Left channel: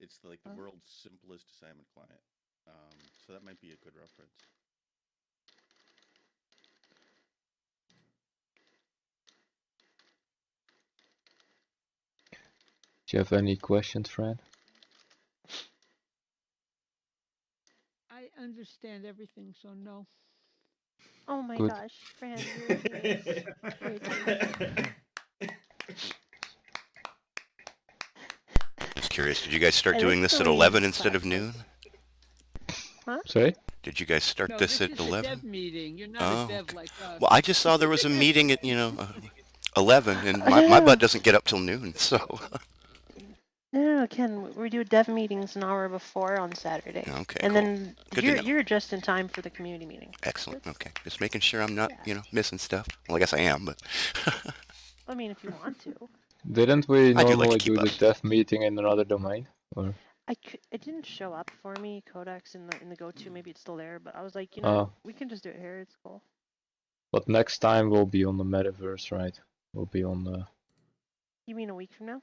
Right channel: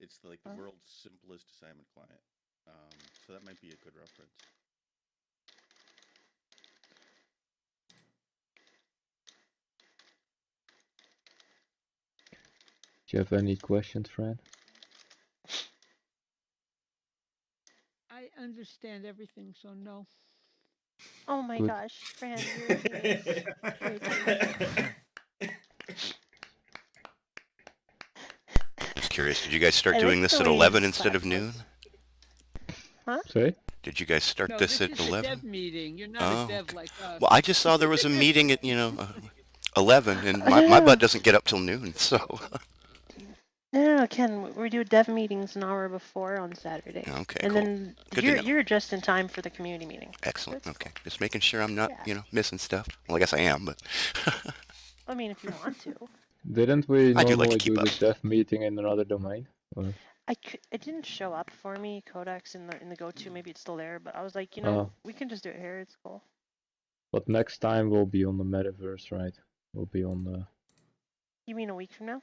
It's like the world's simplest assignment client. So that might be a good reference. Do you have any questions, Fran? I understand everything, so no. Oh my Good. gosh, Fran, you're a genius. You're a genius. Just curious, did you guys start I doing like this the at way 11 his instead of class noon? Huh? Sorry? Did you guys start No, this this at is a 11? dev meeting. You're not a Oh, dev okay. like us. Well, I just saw there was a meeting at, 11, and my butt doesn't get up till noon, so. No, Ken, we do dev meetings an hour before on Saturday. Okay, And cool. then Good to know. you're just in time for the community meeting. Excellent. Okay. Just making sure I'm not, Yeah. missing stuff. Well, I guess I am, but. I mean, if you want to. Didn't we I do like to normally keep do up. the dev meeting in another domain? Or It didn't show up for me, Codex in the go-to. Maybe it's still there, but I was like, we can just do it here. It's cool. but next time we'll be on the metaverse, right? We'll be on the. You mean a week from now?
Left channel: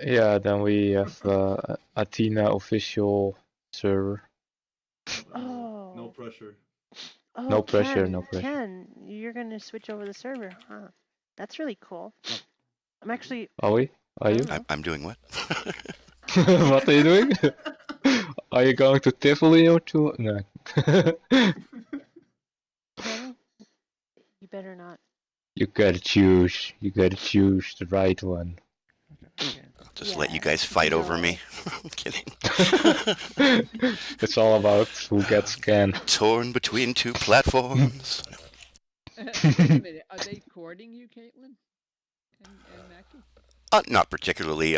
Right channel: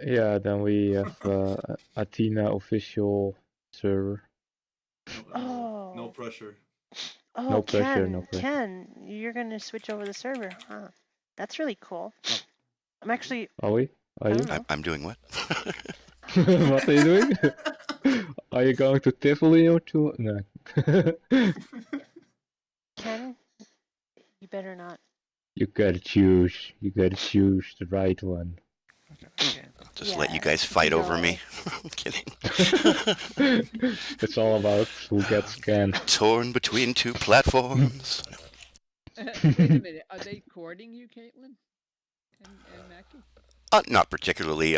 Yeah, then we have Athena official server. Oh. No pressure. Oh, No pressure, no pressure. Ken, you're gonna switch over the server, huh? That's really cool. I'm actually. Are we? Are I you? don't know. I'm doing what? What are you doing? Are you going to Tivoli or to? No. Ken, you better not. You gotta choose. You gotta choose the right one. I'll just let you guys fight over me. I'm kidding. It's all about who gets scanned. Torn between two platforms. Wait a minute. Are they courting you, Caitlin? And Mackie? Not particularly.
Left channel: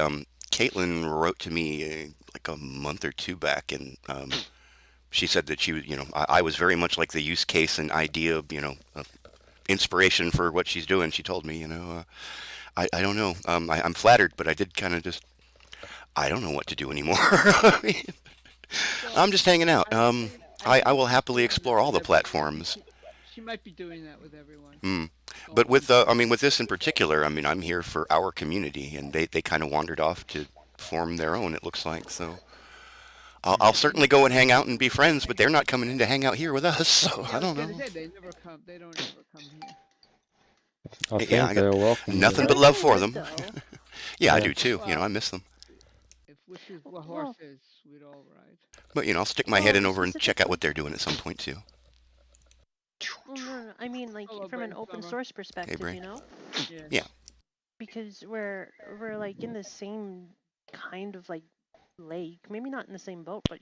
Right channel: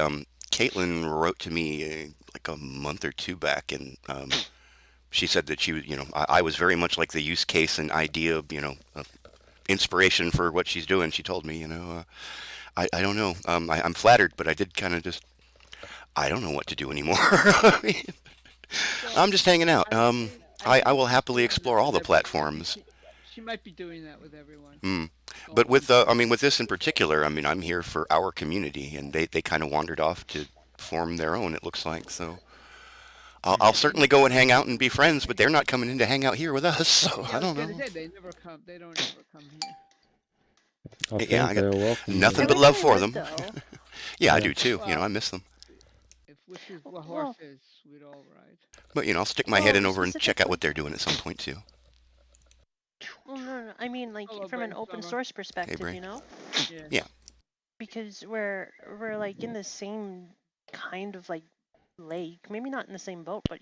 Caitlin wrote to me like a month or two back, and she said that she was, I was very much like the use case and idea of, inspiration for what she's doing. She told me, I don't know. I'm flattered, but I did kind of just, I don't know what to do anymore. I'm just hanging out. I will happily explore all the platforms. She might be doing that with everyone. But with this in particular, I'm here for our community, and they kind of wandered off to form their own. It looks like so. I'll certainly go and hang out and be friends, but they're not coming in to hang out here with us, so I don't know. I was gonna say they never come. They don't ever come here. I got nothing but love for them. Yeah, Yeah. I do too. I miss them. If wishes were horses, we'd all ride. But I'll stick my head in over and check out what they're doing at some point too. Well, no. I mean, like from an open source perspective, Brain. Yeah. Because we're like in the same kind of like lake, maybe not in the same boat, but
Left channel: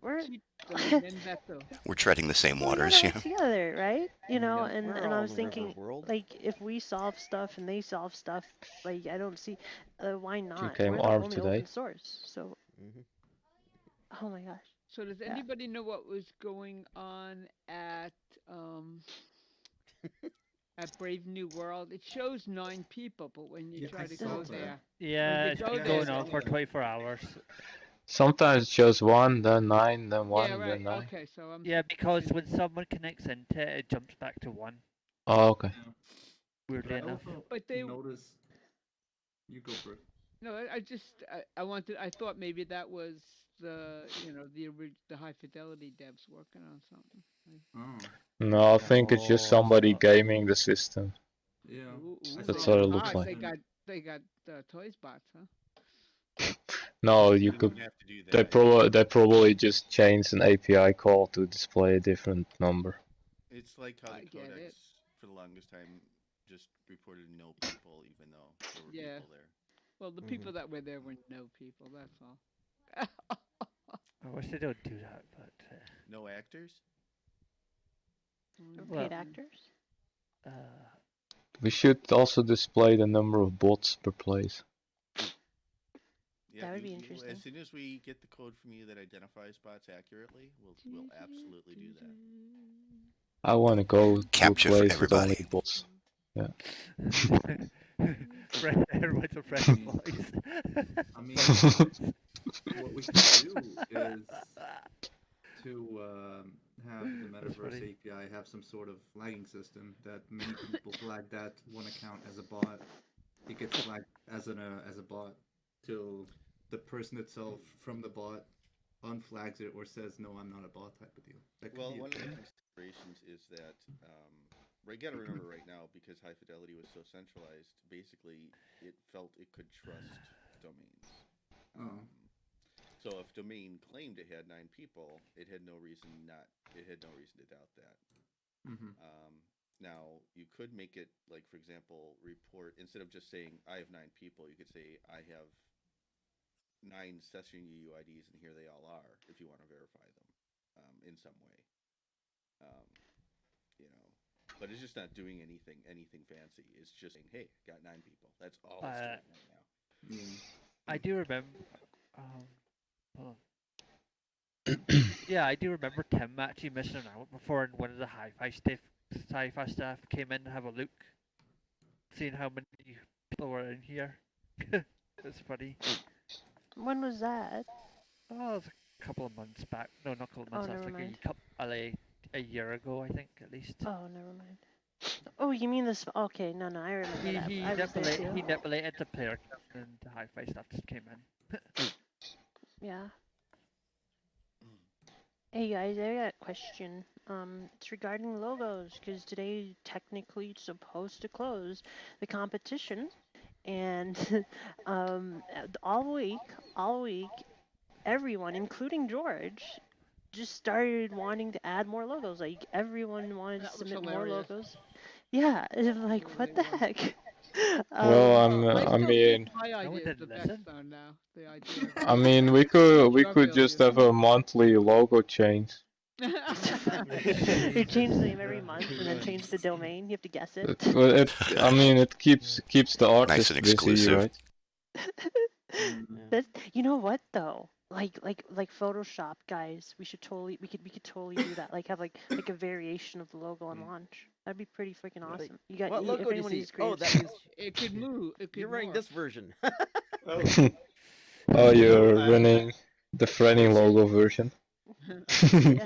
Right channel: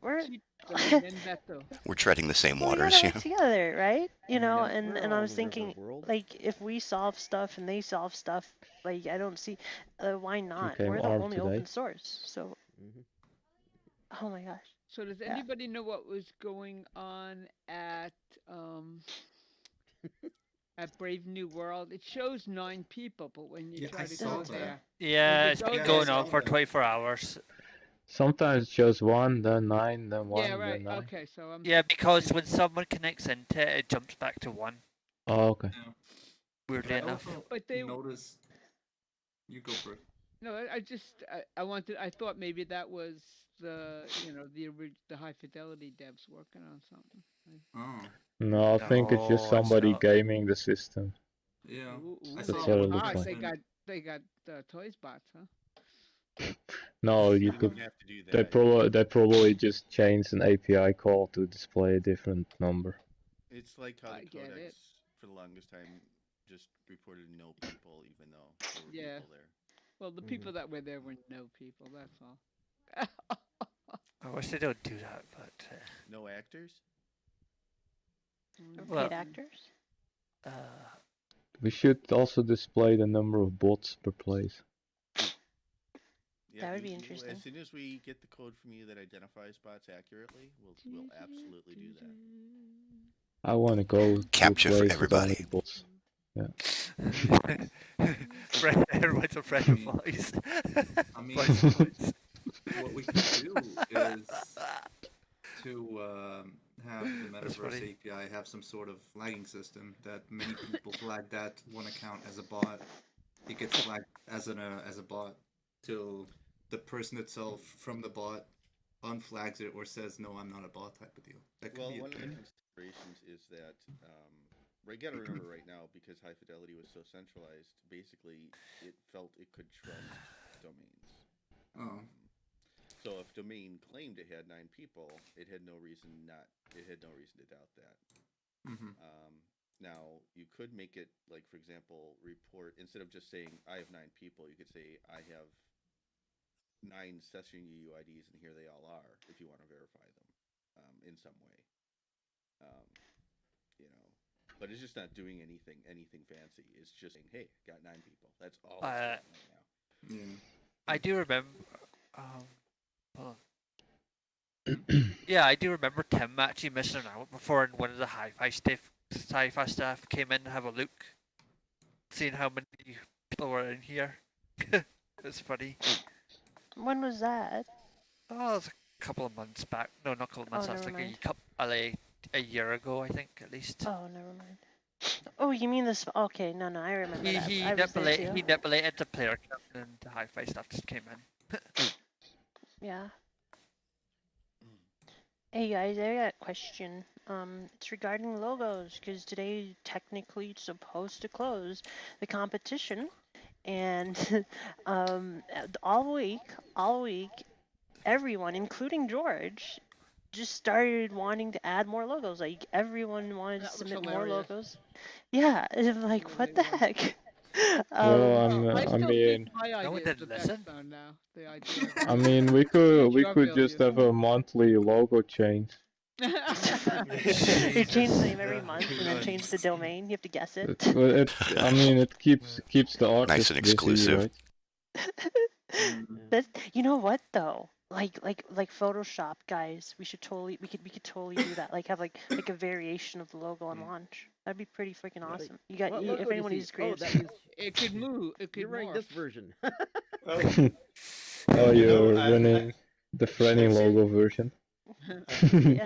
we're treading the same waters, we together, right? And I was thinking, like, if we solve stuff and they solve stuff, like, I don't see why not. We're the only open source, so. Oh my gosh. So does anybody know what was going on at Brave New World? It shows 9 people, but when you try to go there, it's been going on for 24 hours. Sometimes it shows 1, then 9, then 1, yeah, right. then 9. Okay, so because when someone connects into it, it jumps back to 1. Oh, okay. Yeah. Weirdly enough. But they notice. You go for it. No, I thought maybe that was the the high fidelity devs working on something. No, I think it's just somebody gaming the system. Yeah. That's what it looks like. They got toys bots, huh? No, you could. They probably just changed an API call to display a different number. It's like how the Codex for the longest time just reported no people, even though there were people there. Well, the people that were there were no people. That's all. I wish they don't do that, but no actors. Paid actors. We should also display the number of bots per place. Yeah, that would be interesting. As soon as we get the code from you that identifies bots accurately, we'll absolutely do that. I want to go capture for everybody. Bots. Yeah. Everyone's a friend of voice. I mean, what we should do is to have the Metaverse API have some sort of flagging system that many people flag that one account as a bot. It gets flagged as a bot. till the person itself from the bot unflags it or says, no, I'm not a bot type of deal. Well, one of the considerations is that you got to remember right now, because high fidelity was so centralized, basically it felt it could trust domains. So if domain claimed it had 9 people, it had no reason to doubt that. Now you could make it like, for example, report, instead of just saying I have 9 people, you could say I have 9 session UUIDs and here they all are, if you want to verify them in some way. But it's just not doing anything fancy. It's just saying, hey, got 9 people. That's all it's doing right now. I do remember. Yeah, I do remember Tim actually missing out before, and one of the hi-fi staff came in to have a look, seeing how many people were in here. It's funny. When was that? Oh, it was a couple of months back. No, not a couple of months. That's like a year ago, I think, at least. Oh, never mind. Oh, you mean this? Okay, no, I remember that. He manipulated the player, and the hi-fi stuff just came in. Yeah. Hey guys, I got a question. It's regarding logos, because today technically it's supposed to close the competition, and all week, everyone, including George, just started wanting to add more logos. Like everyone wanted to submit more logos. Yeah, and like what the heck? Well, I mean, think my idea is the best though now. The idea. I mean, we could just have a monthly logo change. They change the name every month and then change the domain. You have to guess it. I mean, it keeps the artist nice and exclusive. Busy, right? You know what though? Like Photoshop guys, we could totally do that. Like have like a variation of the logo on launch. That'd be pretty freaking awesome. You got if anyone needs creative. Oh, that means it could move. It could. You're running this version. Oh, you're running the Frenning logo version. I've seen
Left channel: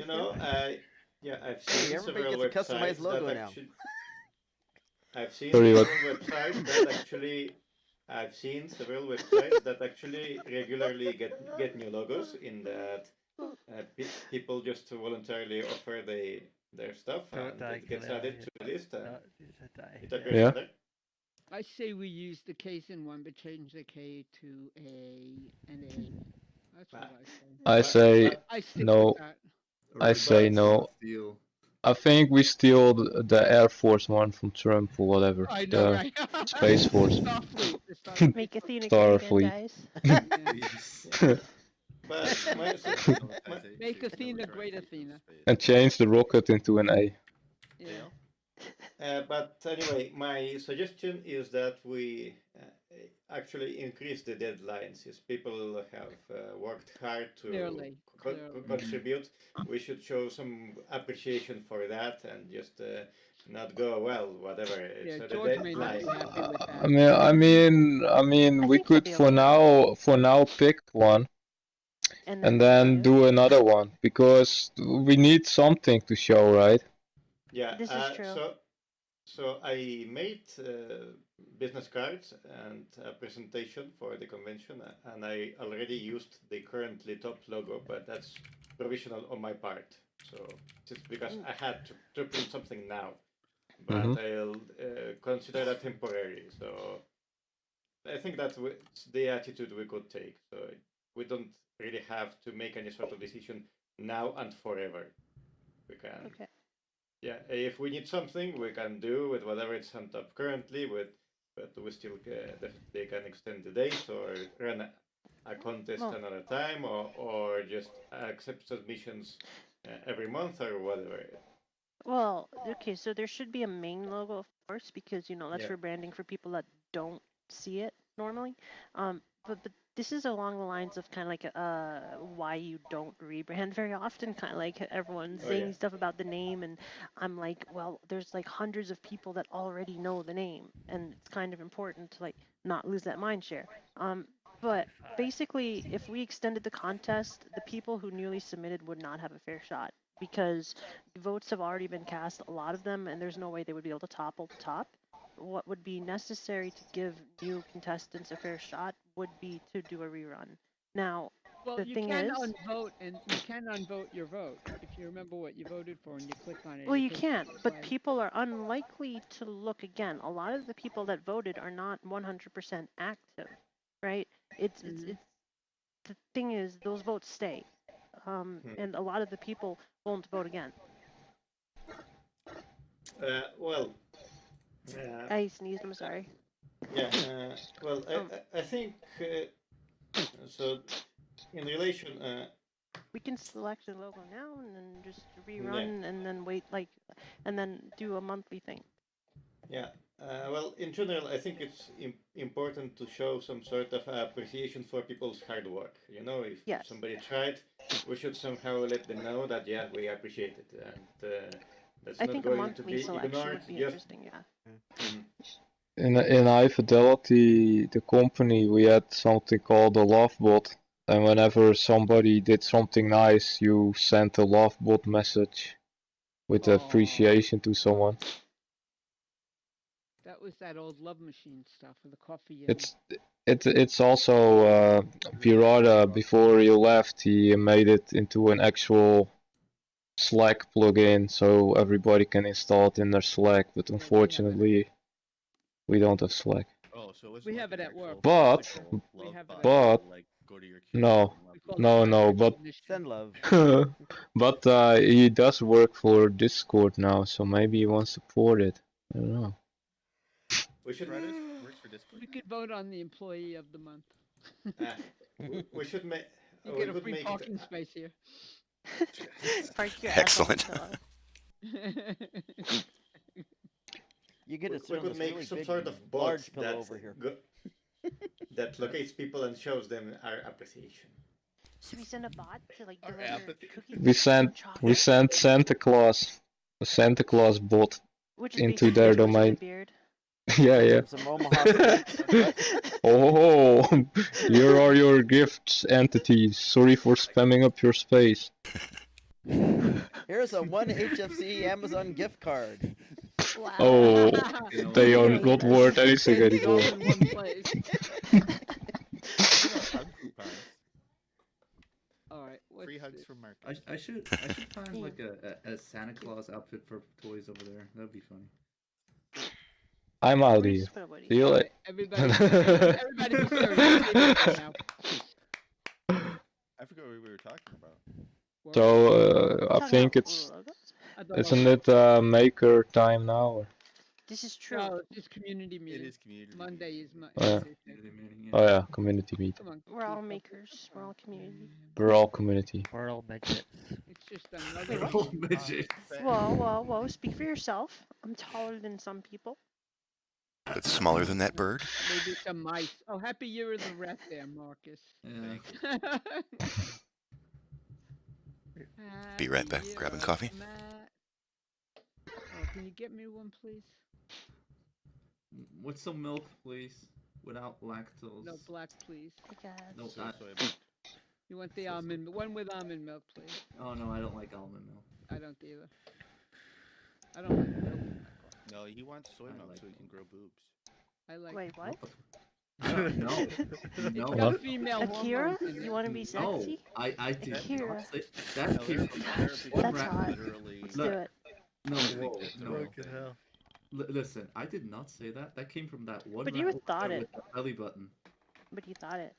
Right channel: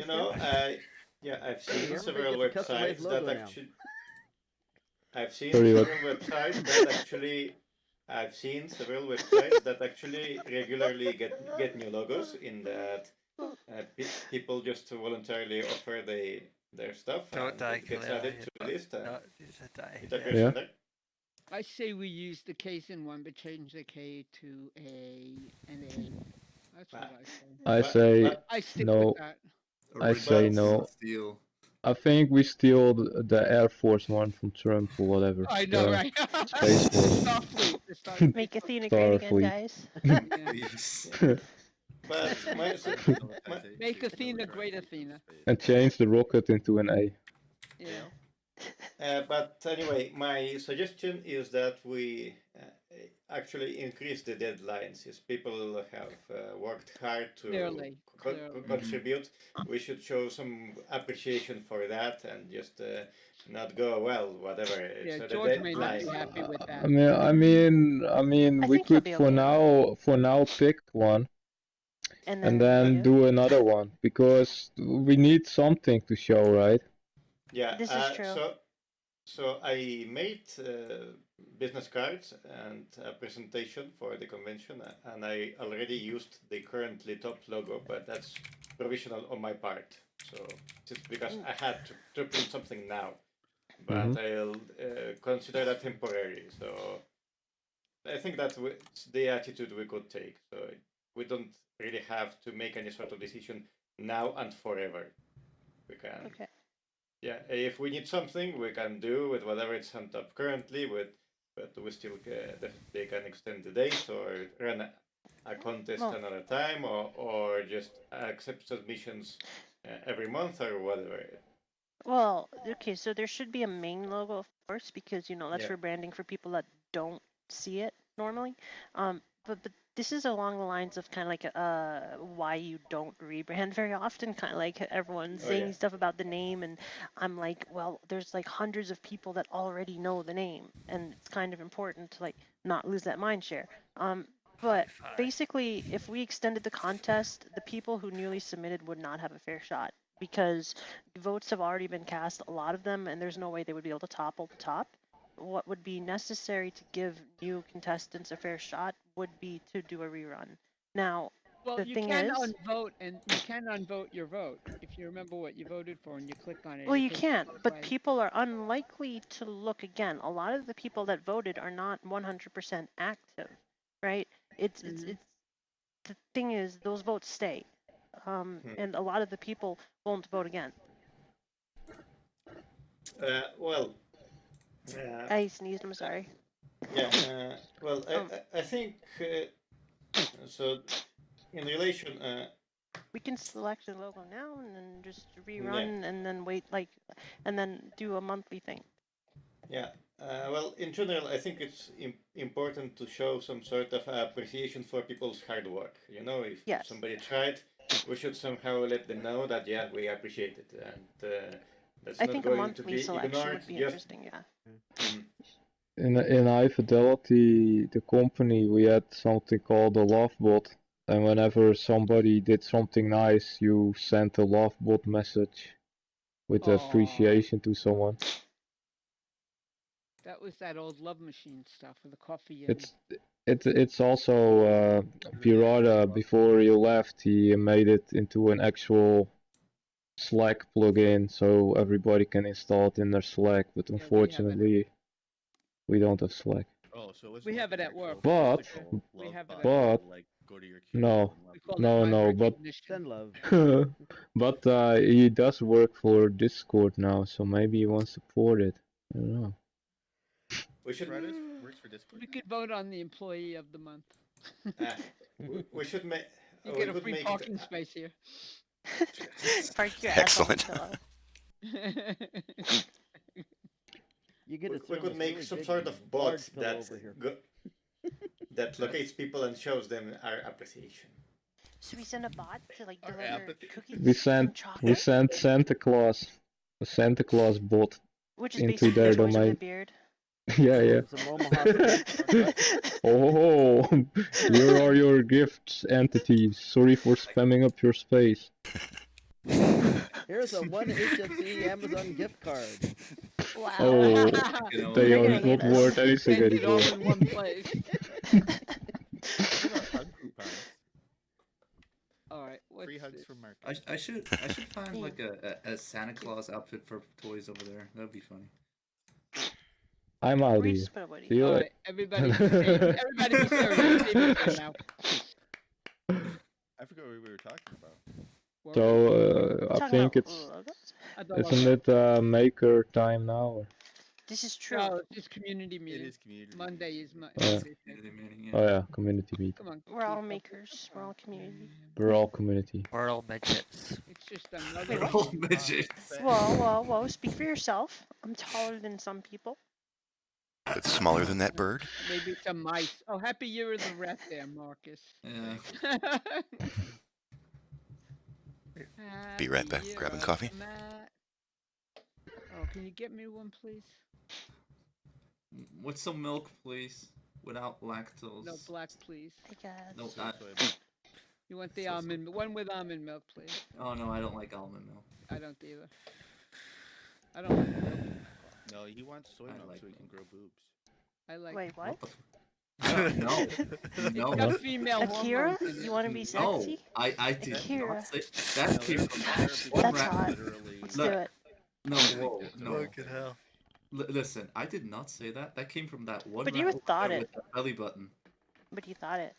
several websites that actually. I've seen several websites that actually regularly get new logos. In that, people just voluntarily offer their stuff and it gets added to the list. It appears in there. I say we use the case in one, but change the K to a and a. That's what I say. I stick no. with that. I say no. I think we steal the Air Force One from Trump or whatever. I know, right? Space Force. Make Athena great again, guys. Make Athena great, Athena. And change the rocket into an A. Yeah. But anyway, my suggestion is that we actually increase the deadlines. If people have worked hard to contribute, we should show some appreciation for that and just not go, well, whatever. Yeah, George may not be happy with that. I mean, we could for now pick one. And then do another one, because we need something to show, right? Yeah, this is true. So I made business cards and a presentation for the convention, and I already used the currently top logo, but that's provisional on my part. So just because I had to print something now, but I'll consider that temporary. So I think that's the attitude we could take. So we don't really have to make any sort of decision now and forever. We can. Okay. Yeah, if we need something, we can do with whatever it's sent up currently. But we still they can extend the date or run a contest another time, or just accept submissions every month or whatever. Well, okay, so there should be a main logo, of course, because that's for branding for people that don't see it normally. But this is along the lines of kind of like why you don't rebrand very often, kind of like everyone's saying stuff about the name, and I'm like, well, there's like hundreds of people that already know the name, and it's kind of important to like not lose that mind share. But basically, if we extended the contest, the people who newly submitted would not have a fair shot, because votes have already been cast, a lot of them, and there's no way they would be able to topple the top. what would be necessary to give new contestants a fair shot would be to do a rerun. Now, well, the you thing can is, unvote, and you can unvote your vote if you remember what you voted for, and you click on it. well, you can't, but people are unlikely to look again. A lot of the people that voted are not 100% active, right? It's the thing is, those votes stay, and a lot of the people won't vote again. Well, I sneezed. I'm sorry. Yeah. Well, I think so. In relation, we can select the logo now and then just rerun and then wait and then do a monthly thing. Yeah. Well, in general, I think it's important to show some sort of appreciation for people's hard work. You know, if somebody tried, we should somehow let them know that we appreciate it, and that's not going to be ignored. Would be interesting, yeah. In High Fidelity, the company, we had something called a love bot, and whenever somebody did something nice, you sent a love bot message with appreciation to someone. That was that old love machine stuff with the coffee. And... It's also Pirata. Before he left, he made it into an actual Slack plugin, so everybody can install it in their Slack. But unfortunately, we don't have Slack. Oh, so it's we have it at work. But like go to your no, but send love. But he does work for Discord now, so maybe he wants to support it. I don't know. We should works for Discord. We could vote on the employee of the month. We should make. You get a free parking space here. Excellent. You get we could make some sort of bot that locates people and shows them our appreciation. Should we send a bot to like deliver cookies? We sent Santa Claus, a Santa Claus bot into their domain. Yeah. Oh, here are your gifts, entities. Sorry for spamming up your space. Here's a 1 HFC Amazon gift card. Wow. Oh, they are not worth anything anymore. All in one place. All right. Free hugs from Mark. I should find like a Santa Claus outfit for toys over there. That'd be funny. I'm out of here. See you later. Everybody be serious now. I forgot what we were talking about. So I think isn't it maker time now? Or? This is true. No, it's community meeting. It is community. Monday is community meeting. Oh yeah, community meeting. Come on, we're all makers. We're all community. We're all community. We're all midgets. It's just another. We're all midgets. Well. Speak for yourself. I'm taller than some people. It's smaller than that bird. Maybe some mice. Oh, happy year of the rat there, Marcus. Yeah. Be right back. Grabbing coffee. Oh, can you get me one, please? What's some milk, please? Without lactose. No black, please. No, you want the almond one with almond milk, please? Oh no, I don't like almond milk. I don't either. I don't like milk. No, he wants soy milk so he can grow boobs. I like. Wait, what? No. Female Akira, you want to be sexy? No, I did Akira. not say that. That's hot. Let's do it. No. Listen, I did not say that. That came from that one. But you thought it. With the belly button. But you thought it.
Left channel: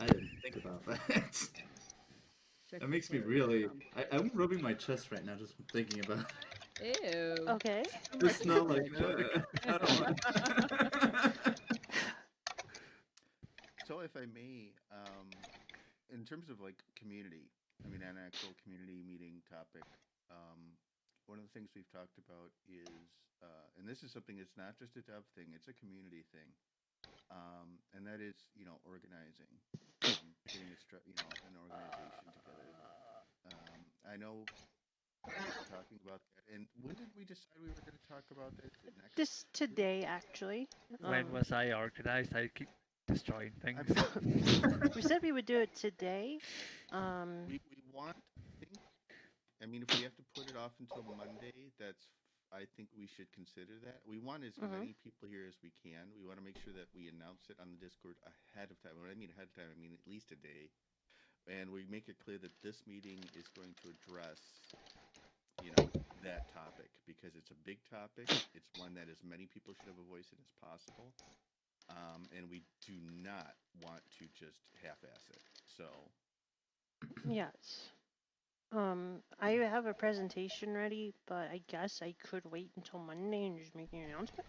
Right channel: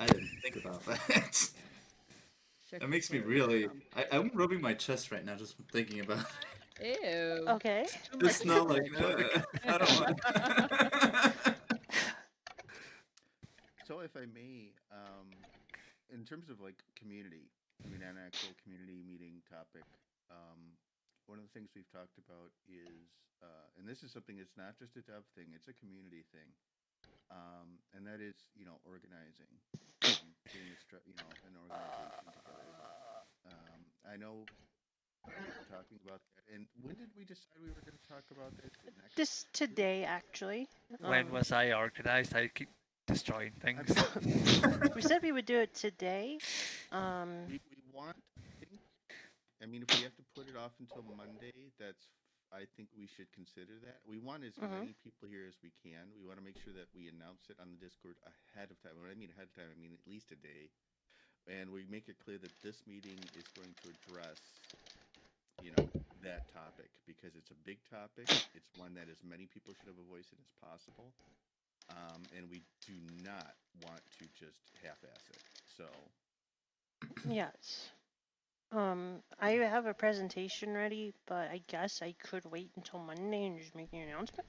I didn't think about that. That makes me really. I'm rubbing my chest right now just thinking about it. Ew. Okay. It's not like I don't know. So, if I may, in terms of like community, I mean, an actual community meeting topic, one of the things we've talked about is, and this is something that's not just a dev thing; it's a community thing, and that is, organizing, getting an organization together. I know we were talking about that, and when did we decide we were going to talk about that? This today, actually. When was I organized? I keep destroying things. We said we would do it today. We want, I think. I mean, if we have to put it off until Monday, I think we should consider that. We want as many people here as we can. We want to make sure that we announce it on the Discord ahead of time. When I mean ahead of time, I mean at least a day. And we make it clear that this meeting is going to address, that topic because it's a big topic. It's one that as many people should have a voice in as possible. And we do not want to just half-ass it. So. Yes. I have a presentation ready, but I guess I could wait until Monday and just make an announcement.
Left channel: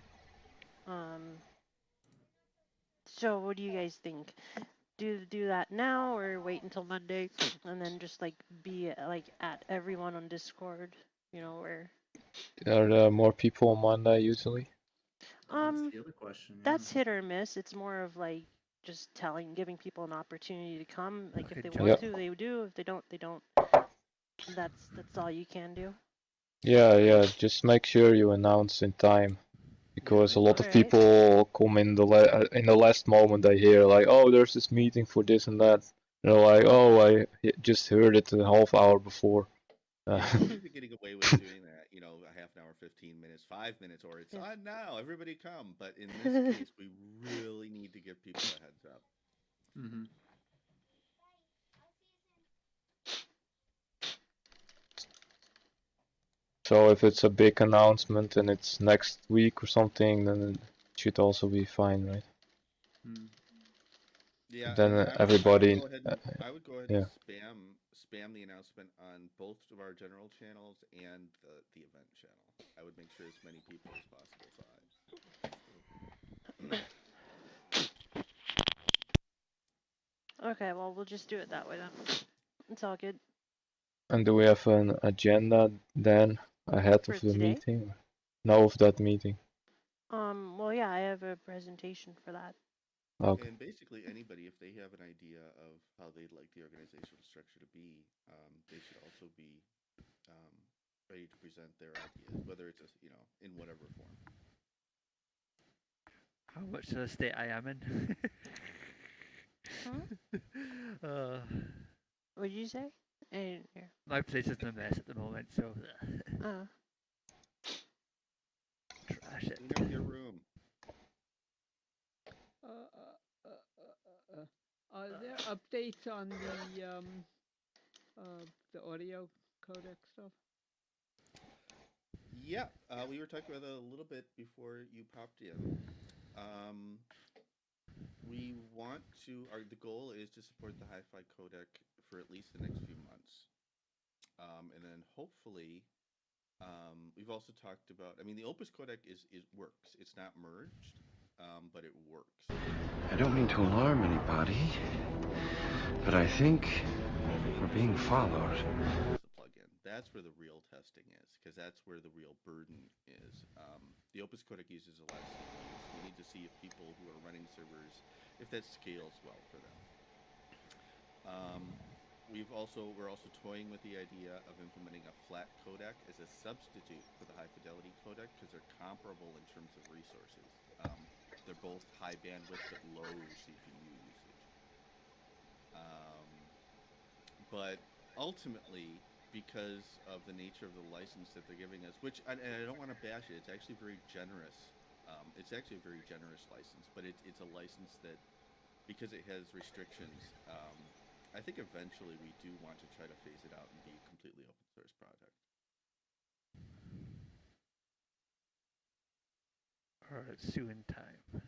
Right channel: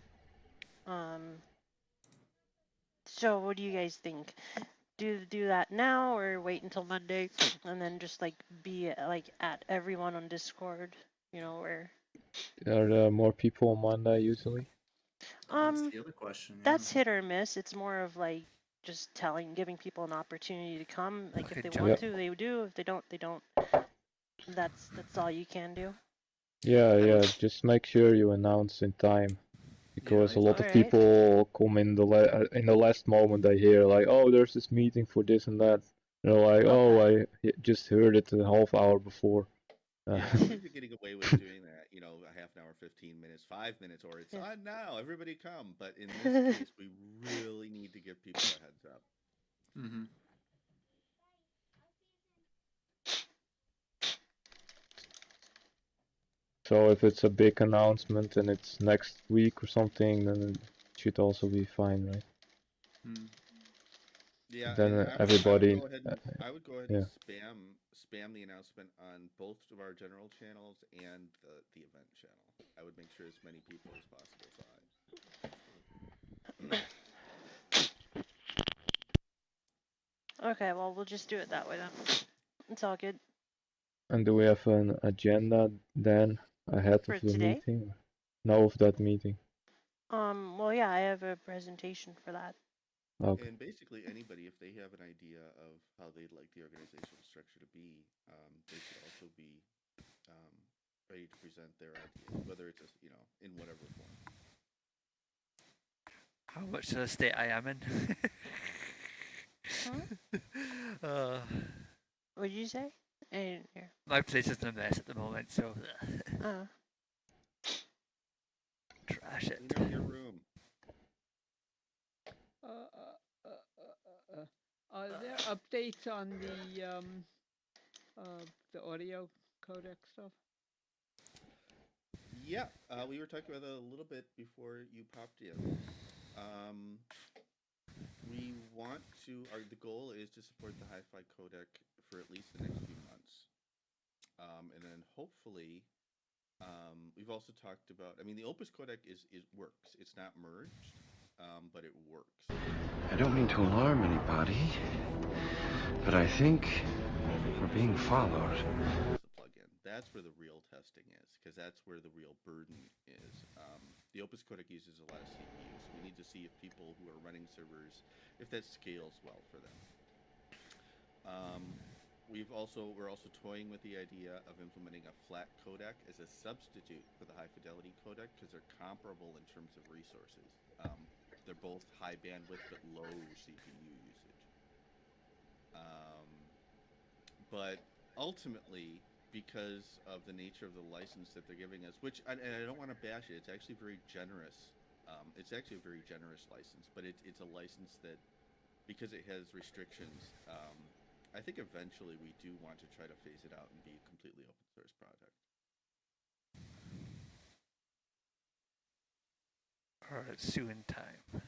So what do you guys think? Do that now or wait until Monday and then just be at everyone on Discord, where are there more people on Monday usually? That's the other question. That's hit or miss. It's more of just giving people an opportunity to come. If they want to, they do. If they don't, they don't. That's all you can do. Yeah. Just make sure you announce in time, because a lot of people come in the last moment. They hear oh, there's this meeting for this and that. Oh, I just heard it a half hour before. Yeah, we've been getting away with doing that. A half an hour, 15 minutes, 5 minutes, or it's on now. Everybody come. But in this case, we really need to give people a heads up. Mm-hmm. So if it's a big announcement and it's next week or something, then it should also be fine, right? Yeah, then and everybody. I would go ahead and spam the announcement on both of our general channels and the event channel. I would make sure as many people as possible saw it. Okay, well, we'll just do it that way then. It's all good. And do we have an agenda then ahead of the meeting? No, of that meeting. Well, yeah, I have a presentation for that. Okay. And basically, anybody, if they have an idea of how they'd like the organizational structure to be, they should also be ready to present their ideas, whether it's in whatever form. How much of a state I am in? What did you say? I didn't hear. My place is in a mess at the moment, so. Trash it. Clean up your room. Are there updates on the audio codec stuff? Yeah, we were talking about that a little bit before you popped in. We want to. The goal is to support the hi-fi codec for at least the next few months, and then hopefully, we've also talked about. I mean, the Opus codec is works. It's not merged, but it works. I don't mean to alarm anybody, but I think we're being followed. The plugin. That's where the real testing is, because that's where the real burden is. The Opus codec uses a lot of CPUs. We need to see if people who are running servers, if that scales well for them. We're also toying with the idea of implementing a flat codec as a substitute for the high fidelity codec because they're comparable in terms of resources. They're both high bandwidth but low CPU usage. But ultimately, because of the nature of the license that they're giving us, and I don't want to bash it, it's actually very generous. It's actually a very generous license, but it's a license that, because it has restrictions, I think eventually we do want to try to phase it out and be a completely open source project. Or soon time.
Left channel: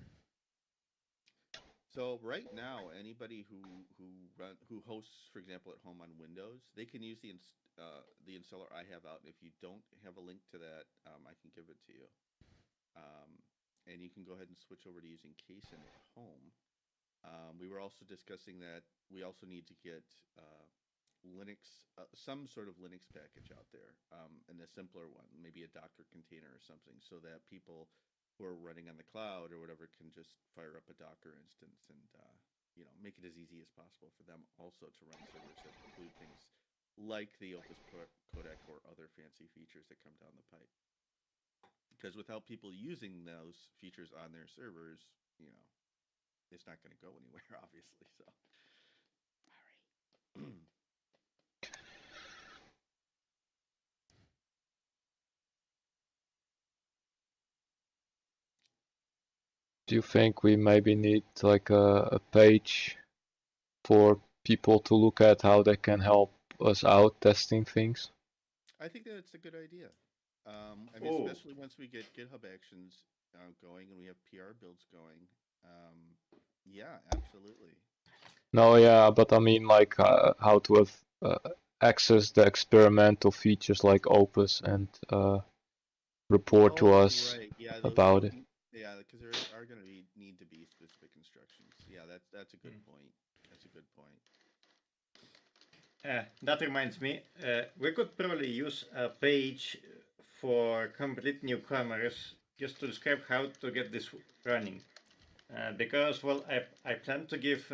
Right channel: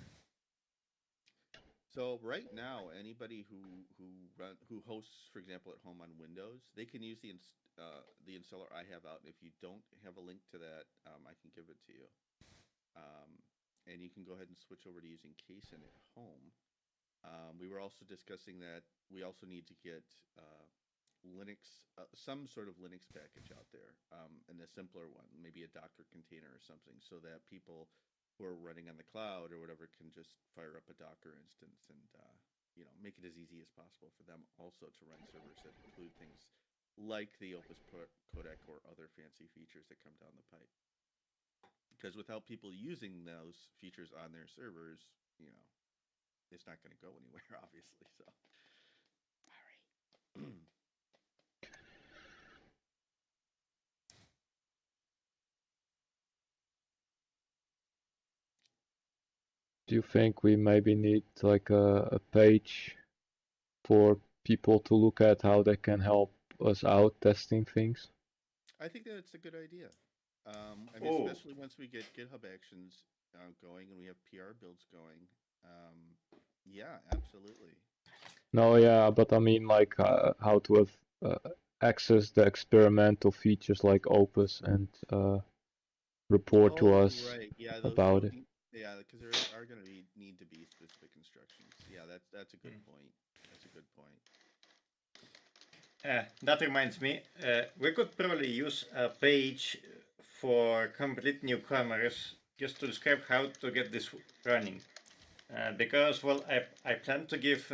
So right now, anybody who hosts, for example, at home on Windows, they can use the installer I have out. If you don't have a link to that, I can give it to you. And you can go ahead and switch over to using Kaysen at home. We were also discussing that we also need to get Linux, some sort of Linux package out there, and a simpler one, maybe a Docker container or something, so that people who are running on the cloud or whatever can just fire up a Docker instance and make it as easy as possible for them also to run servers that include things like the Opus codec or other fancy features that come down the pipe. Because without people using those features on their servers, it's not going to go anywhere, obviously. So, Do you think we maybe need like a page for people to look at how they can help us out testing things? I think that's a good idea. I mean, especially once we get GitHub Actions going and we have PR builds going. Yeah, absolutely. No, yeah, but I mean like how to have access the experimental features like Opus and report to us about it. Yeah, because there are going to need to be specific instructions. Yeah, that's a good point. That's a good point. That reminds me, we could probably use a page for complete newcomers just to describe how to get this running. Because, well, I plan to give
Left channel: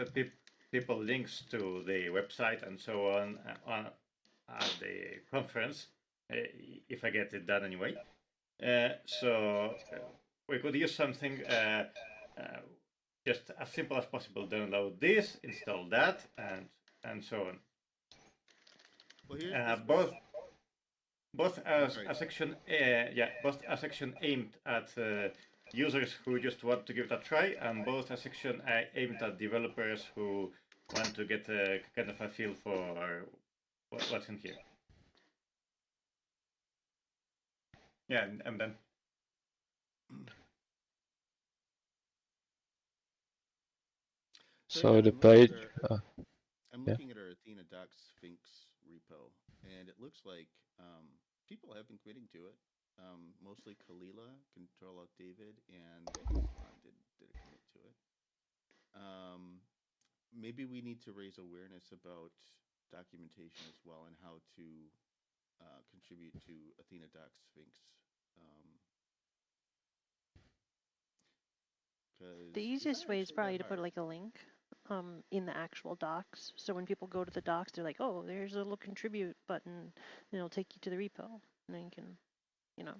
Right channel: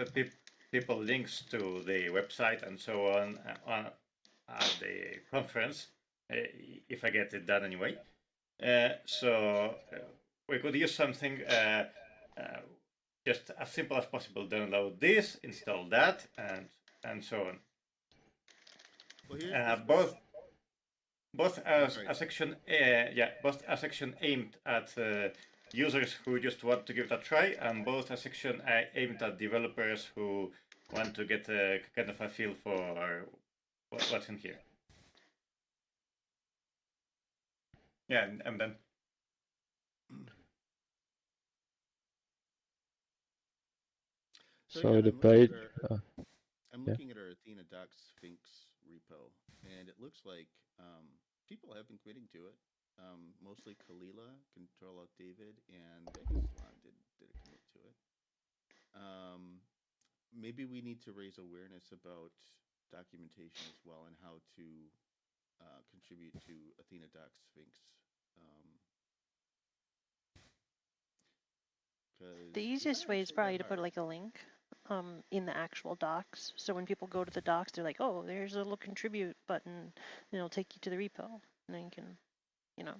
people links to the website and so on at the conference, if I get it done anyway. So we could use something just as simple as possible. Download this, install that, and so on. Well, both as a section, both a section aimed at users who just want to give it a try, and both a section aimed at developers who want to get a kind of a feel for what's in here. Yeah, and then. So the page. I'm looking at our Athena Docs Sphinx repo, and it looks like people have been committing to it. Mostly Kalila, Control Alt David, and Salon did a commit to it. Maybe we need to raise awareness about documentation as well and how to contribute to Athena Docs Sphinx. The easiest way is probably to put like a link in the actual docs. So when people go to the docs, they're like, oh, there's a little contribute button, and it'll take you to the repo. And then you can, Let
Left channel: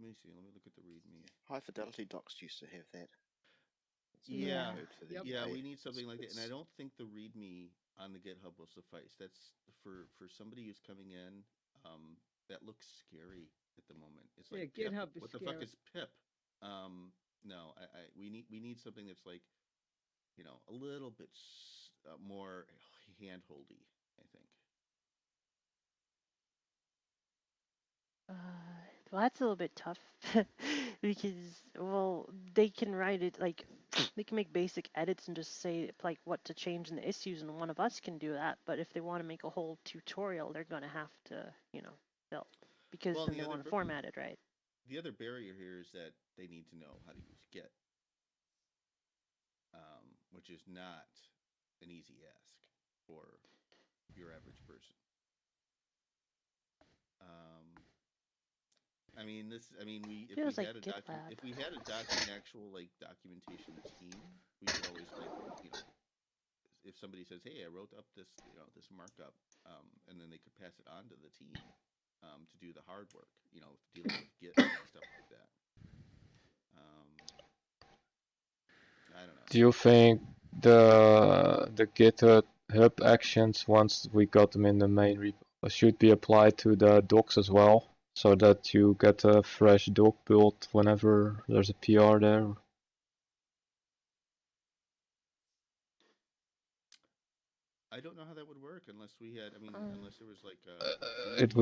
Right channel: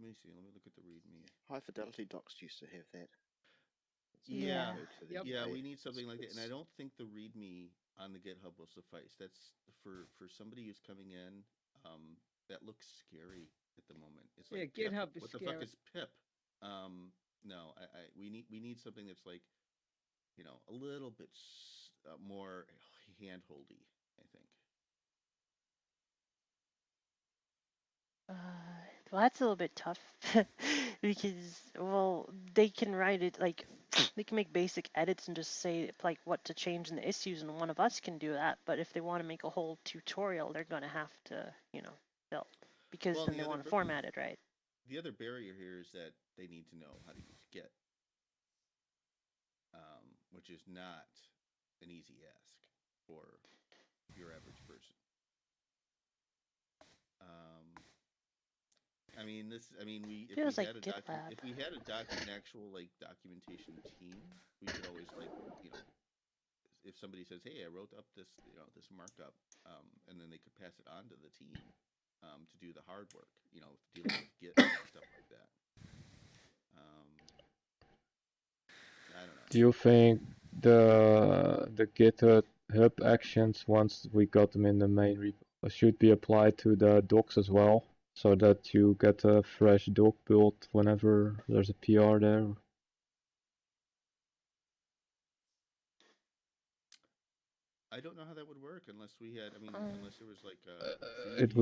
me see. Let me look at the README. High Fidelity docs used to have that. Yeah, we need something like that. And I don't think the README on the GitHub will suffice. That's for somebody who's coming in. That looks scary at the moment. It's like GitHub what the fuck is pip? No, we need something that's like, a little bit more handholdy, I think. Well, that's a little bit tough because, well, they can write it like they can make basic edits and just say like what to change in the issues, and one of us can do that. But if they want to make a whole tutorial, they're going to have to, build because then they want to format it right. The other barrier here is that they need to know how to use Git, which is not an easy ask for your average person. I mean, if we had an actual like documentation team, we could always if somebody says, "Hey, I wrote up this this markup," and then they could pass it on to the team to do the hard work, dealing with Git and stuff like that. I don't know. Do you think the GitHub actions, once we got them in the main repo, should be applied to the docs as well, so that you get a fresh doc build whenever there's a PR there? I don't know how that would work unless we had. I mean, unless there was like a it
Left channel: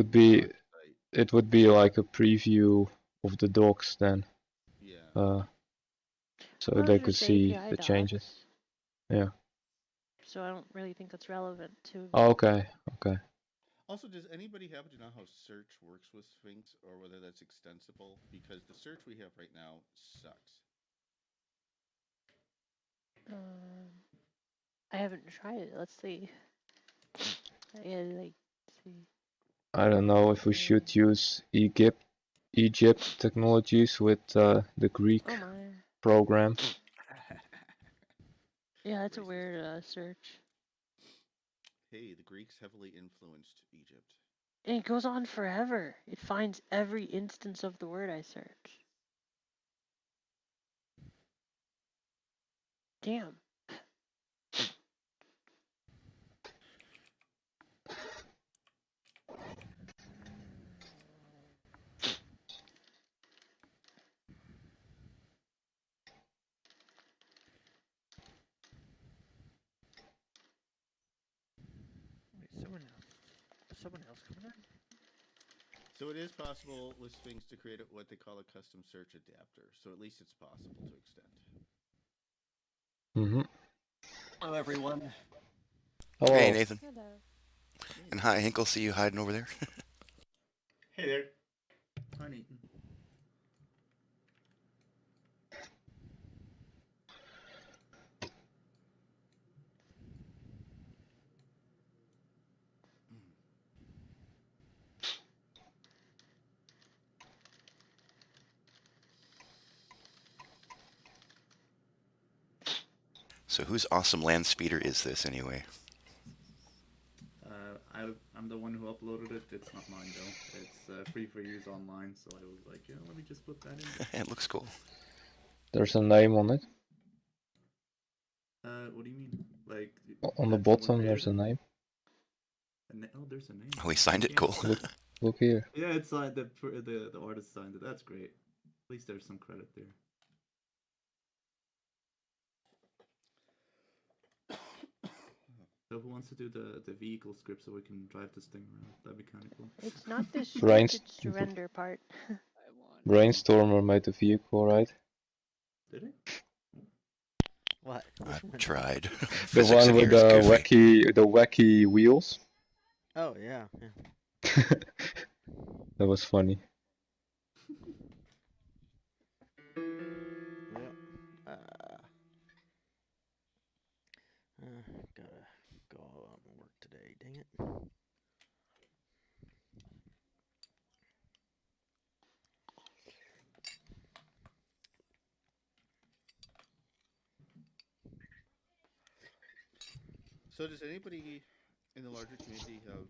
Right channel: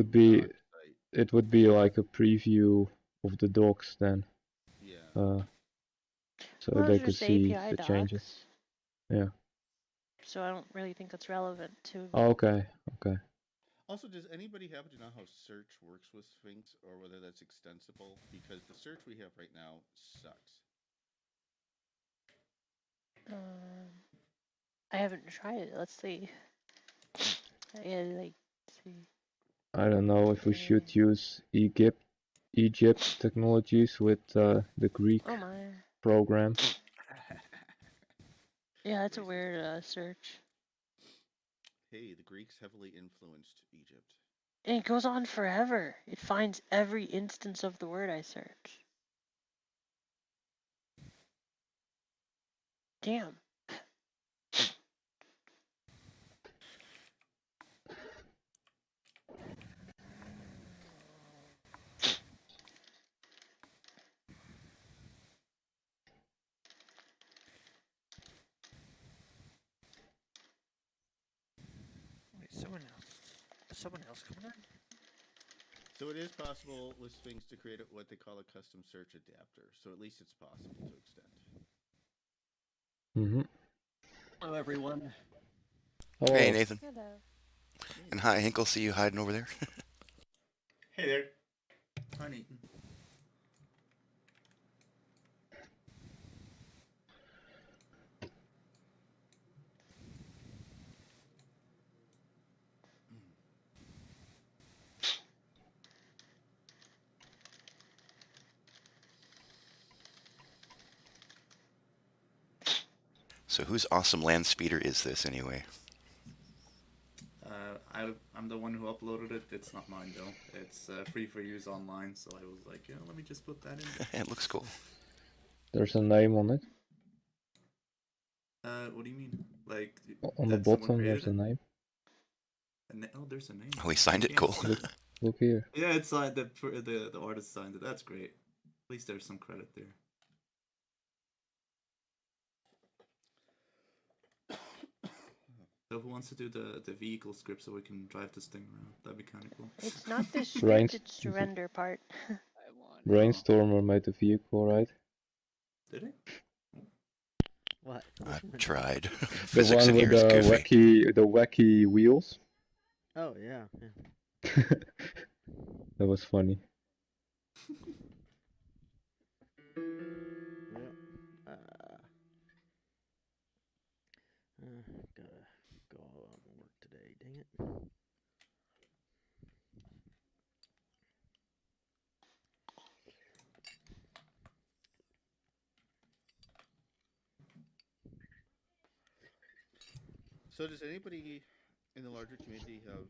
would be like a preview of the docs then. Yeah. So they could see the changes. Yeah. So I don't really think that's relevant to. Oh, okay. Also, does anybody happen to know how search works with Sphinx, or whether that's extensible? Because the search we have right now sucks. I haven't tried it. Let's see. I don't know if we should use Egypt technologies with the Greek program. Yeah, that's a weird search. Hey, the Greeks heavily influenced Egypt. And it goes on forever. It finds every instance of the word I search. Damn. someone else coming in? So it is possible with Sphinx to create what they call a custom search adapter. So at least it's possible to extend. Mm-hmm. Hello, everyone. Hello. Hey, Nathan. Hello. And hi, Hinkle. See you hiding over there. Hey there. Hi, Nathan. So whose awesome land speeder is this anyway? I'm the one who uploaded it. It's not mine though. It's free for use online, so I was like, yeah, let me just put that in. It looks cool. There's a name on it. What do you mean? Like on the bottom, there's a name. Oh, there's a name. Oh, he signed it. Cool. Look here. Yeah, it's signed. The artist signed it. That's great. At least there's some credit there. So who wants to do the vehicle script so we can drive this thing around? That'd be kind of cool. It's not the script, it's the render part. Brainstormer made the vehicle, right? Did he? What? I've tried. The Physics one in with here is goofy. the wacky wheels. Oh yeah. That was funny. Well, gotta go out and work today. Dang it. So does anybody in the larger community have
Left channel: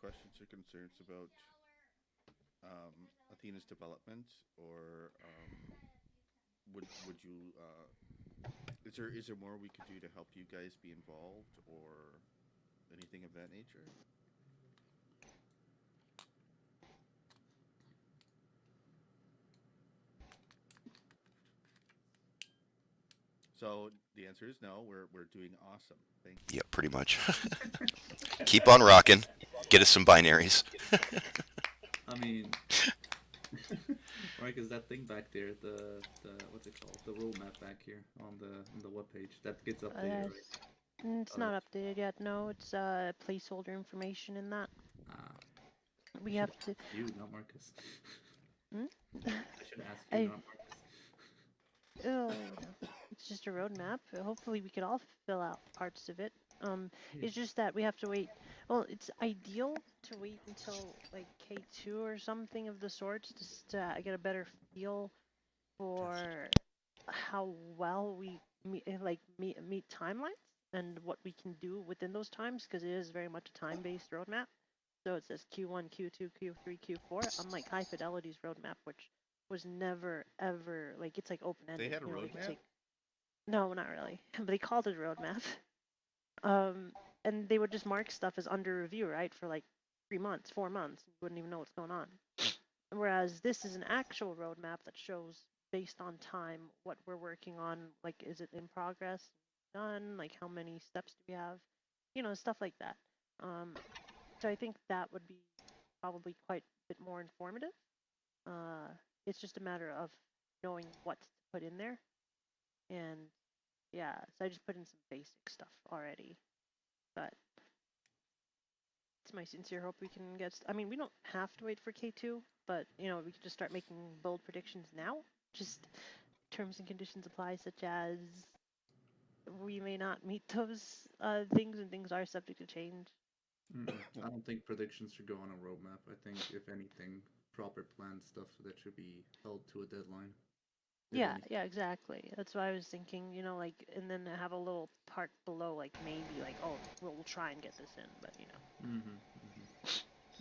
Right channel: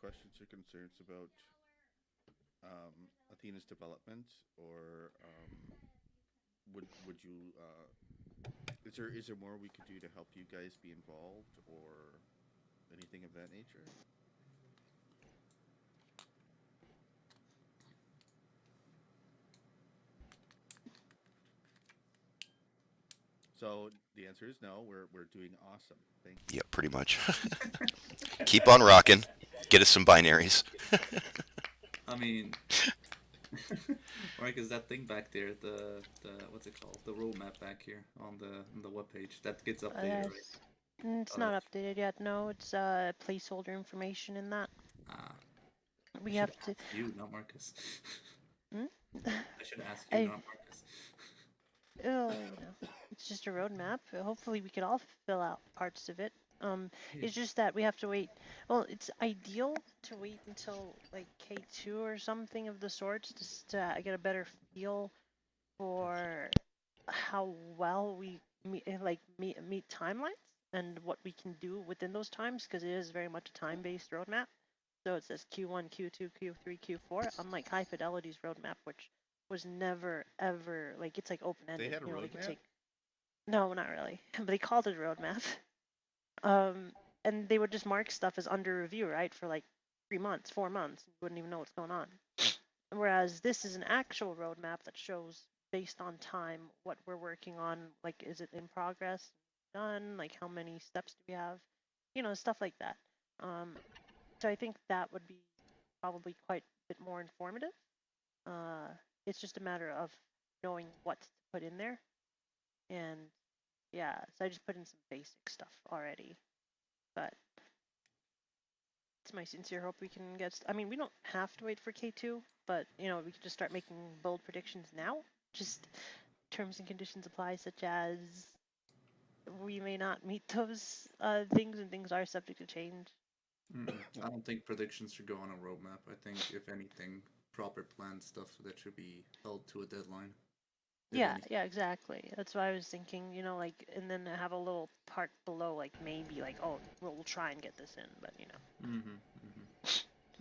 questions or concerns about Athena's development, or would you is there more we could do to help you guys be involved, or anything of that nature? So the answer is no. We're doing awesome. Thank you. Yeah, pretty much. Keep on rocking. Get us some binaries. I mean, right? Is that thing back there, the what's it called? The roadmap back here on the webpage that gets updated, right? It's not updated yet. No, it's placeholder information in that. We have to. You, not Marcus. Hmm? I should ask you, not Marcus. Oh, it's just a roadmap. Hopefully, we could all fill out parts of it. It's just that we have to wait. Well, it's ideal to wait until like K2 or something of the sorts to get a better feel for how well we meet timelines and what we can do within those times, because it is very much a time-based roadmap. So it says Q1, Q2, Q3, Q4, unlike High Fidelity's roadmap, which was never ever like, it's like open-ended. They had a roadmap? No, not really. But they called it a roadmap. And they would just mark stuff as under review, right, for like 3 months, 4 months. You wouldn't even know what's going on. Whereas this is an actual roadmap that shows, based on time, what we're working on. Like, is it in progress, done? Like, how many steps do we have? You know, stuff like that. So I think that would be probably quite a bit more informative. It's just a matter of knowing what to put in there. And yeah, so I just put in some basic stuff already. But it's my sincere hope we can get. I mean, we don't have to wait for K2, but we can just start making bold predictions now. Just terms and conditions apply, such as we may not meet those things, and things are subject to change. I don't think predictions should go on a roadmap. I think, if anything, proper planned stuff that should be held to a deadline. Yeah, exactly. That's what I was thinking, like, and then have a little part below, like, maybe, like, oh, we'll try and get this in, but,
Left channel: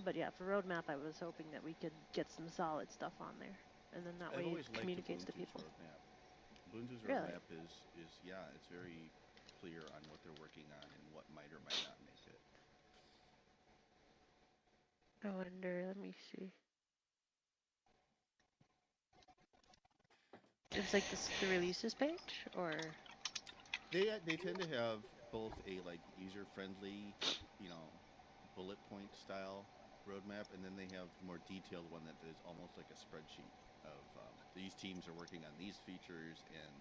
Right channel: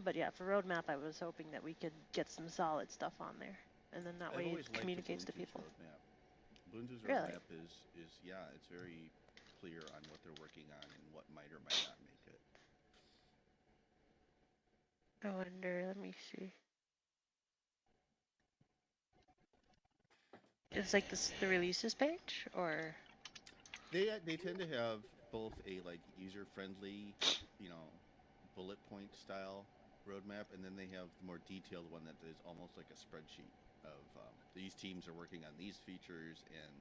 But yeah, for roadmap, I was hoping that we could get some solid stuff on there, and then that way it communicates to people. Roadmap. Ubuntu's roadmap is it's very clear on what they're working on and what might or might not make it. I wonder, let me see. It's like the releases page, or they tend to have both a user friendly, bullet point style roadmap, and then they have the more detailed one that is almost like a spreadsheet of these teams are working on these features, and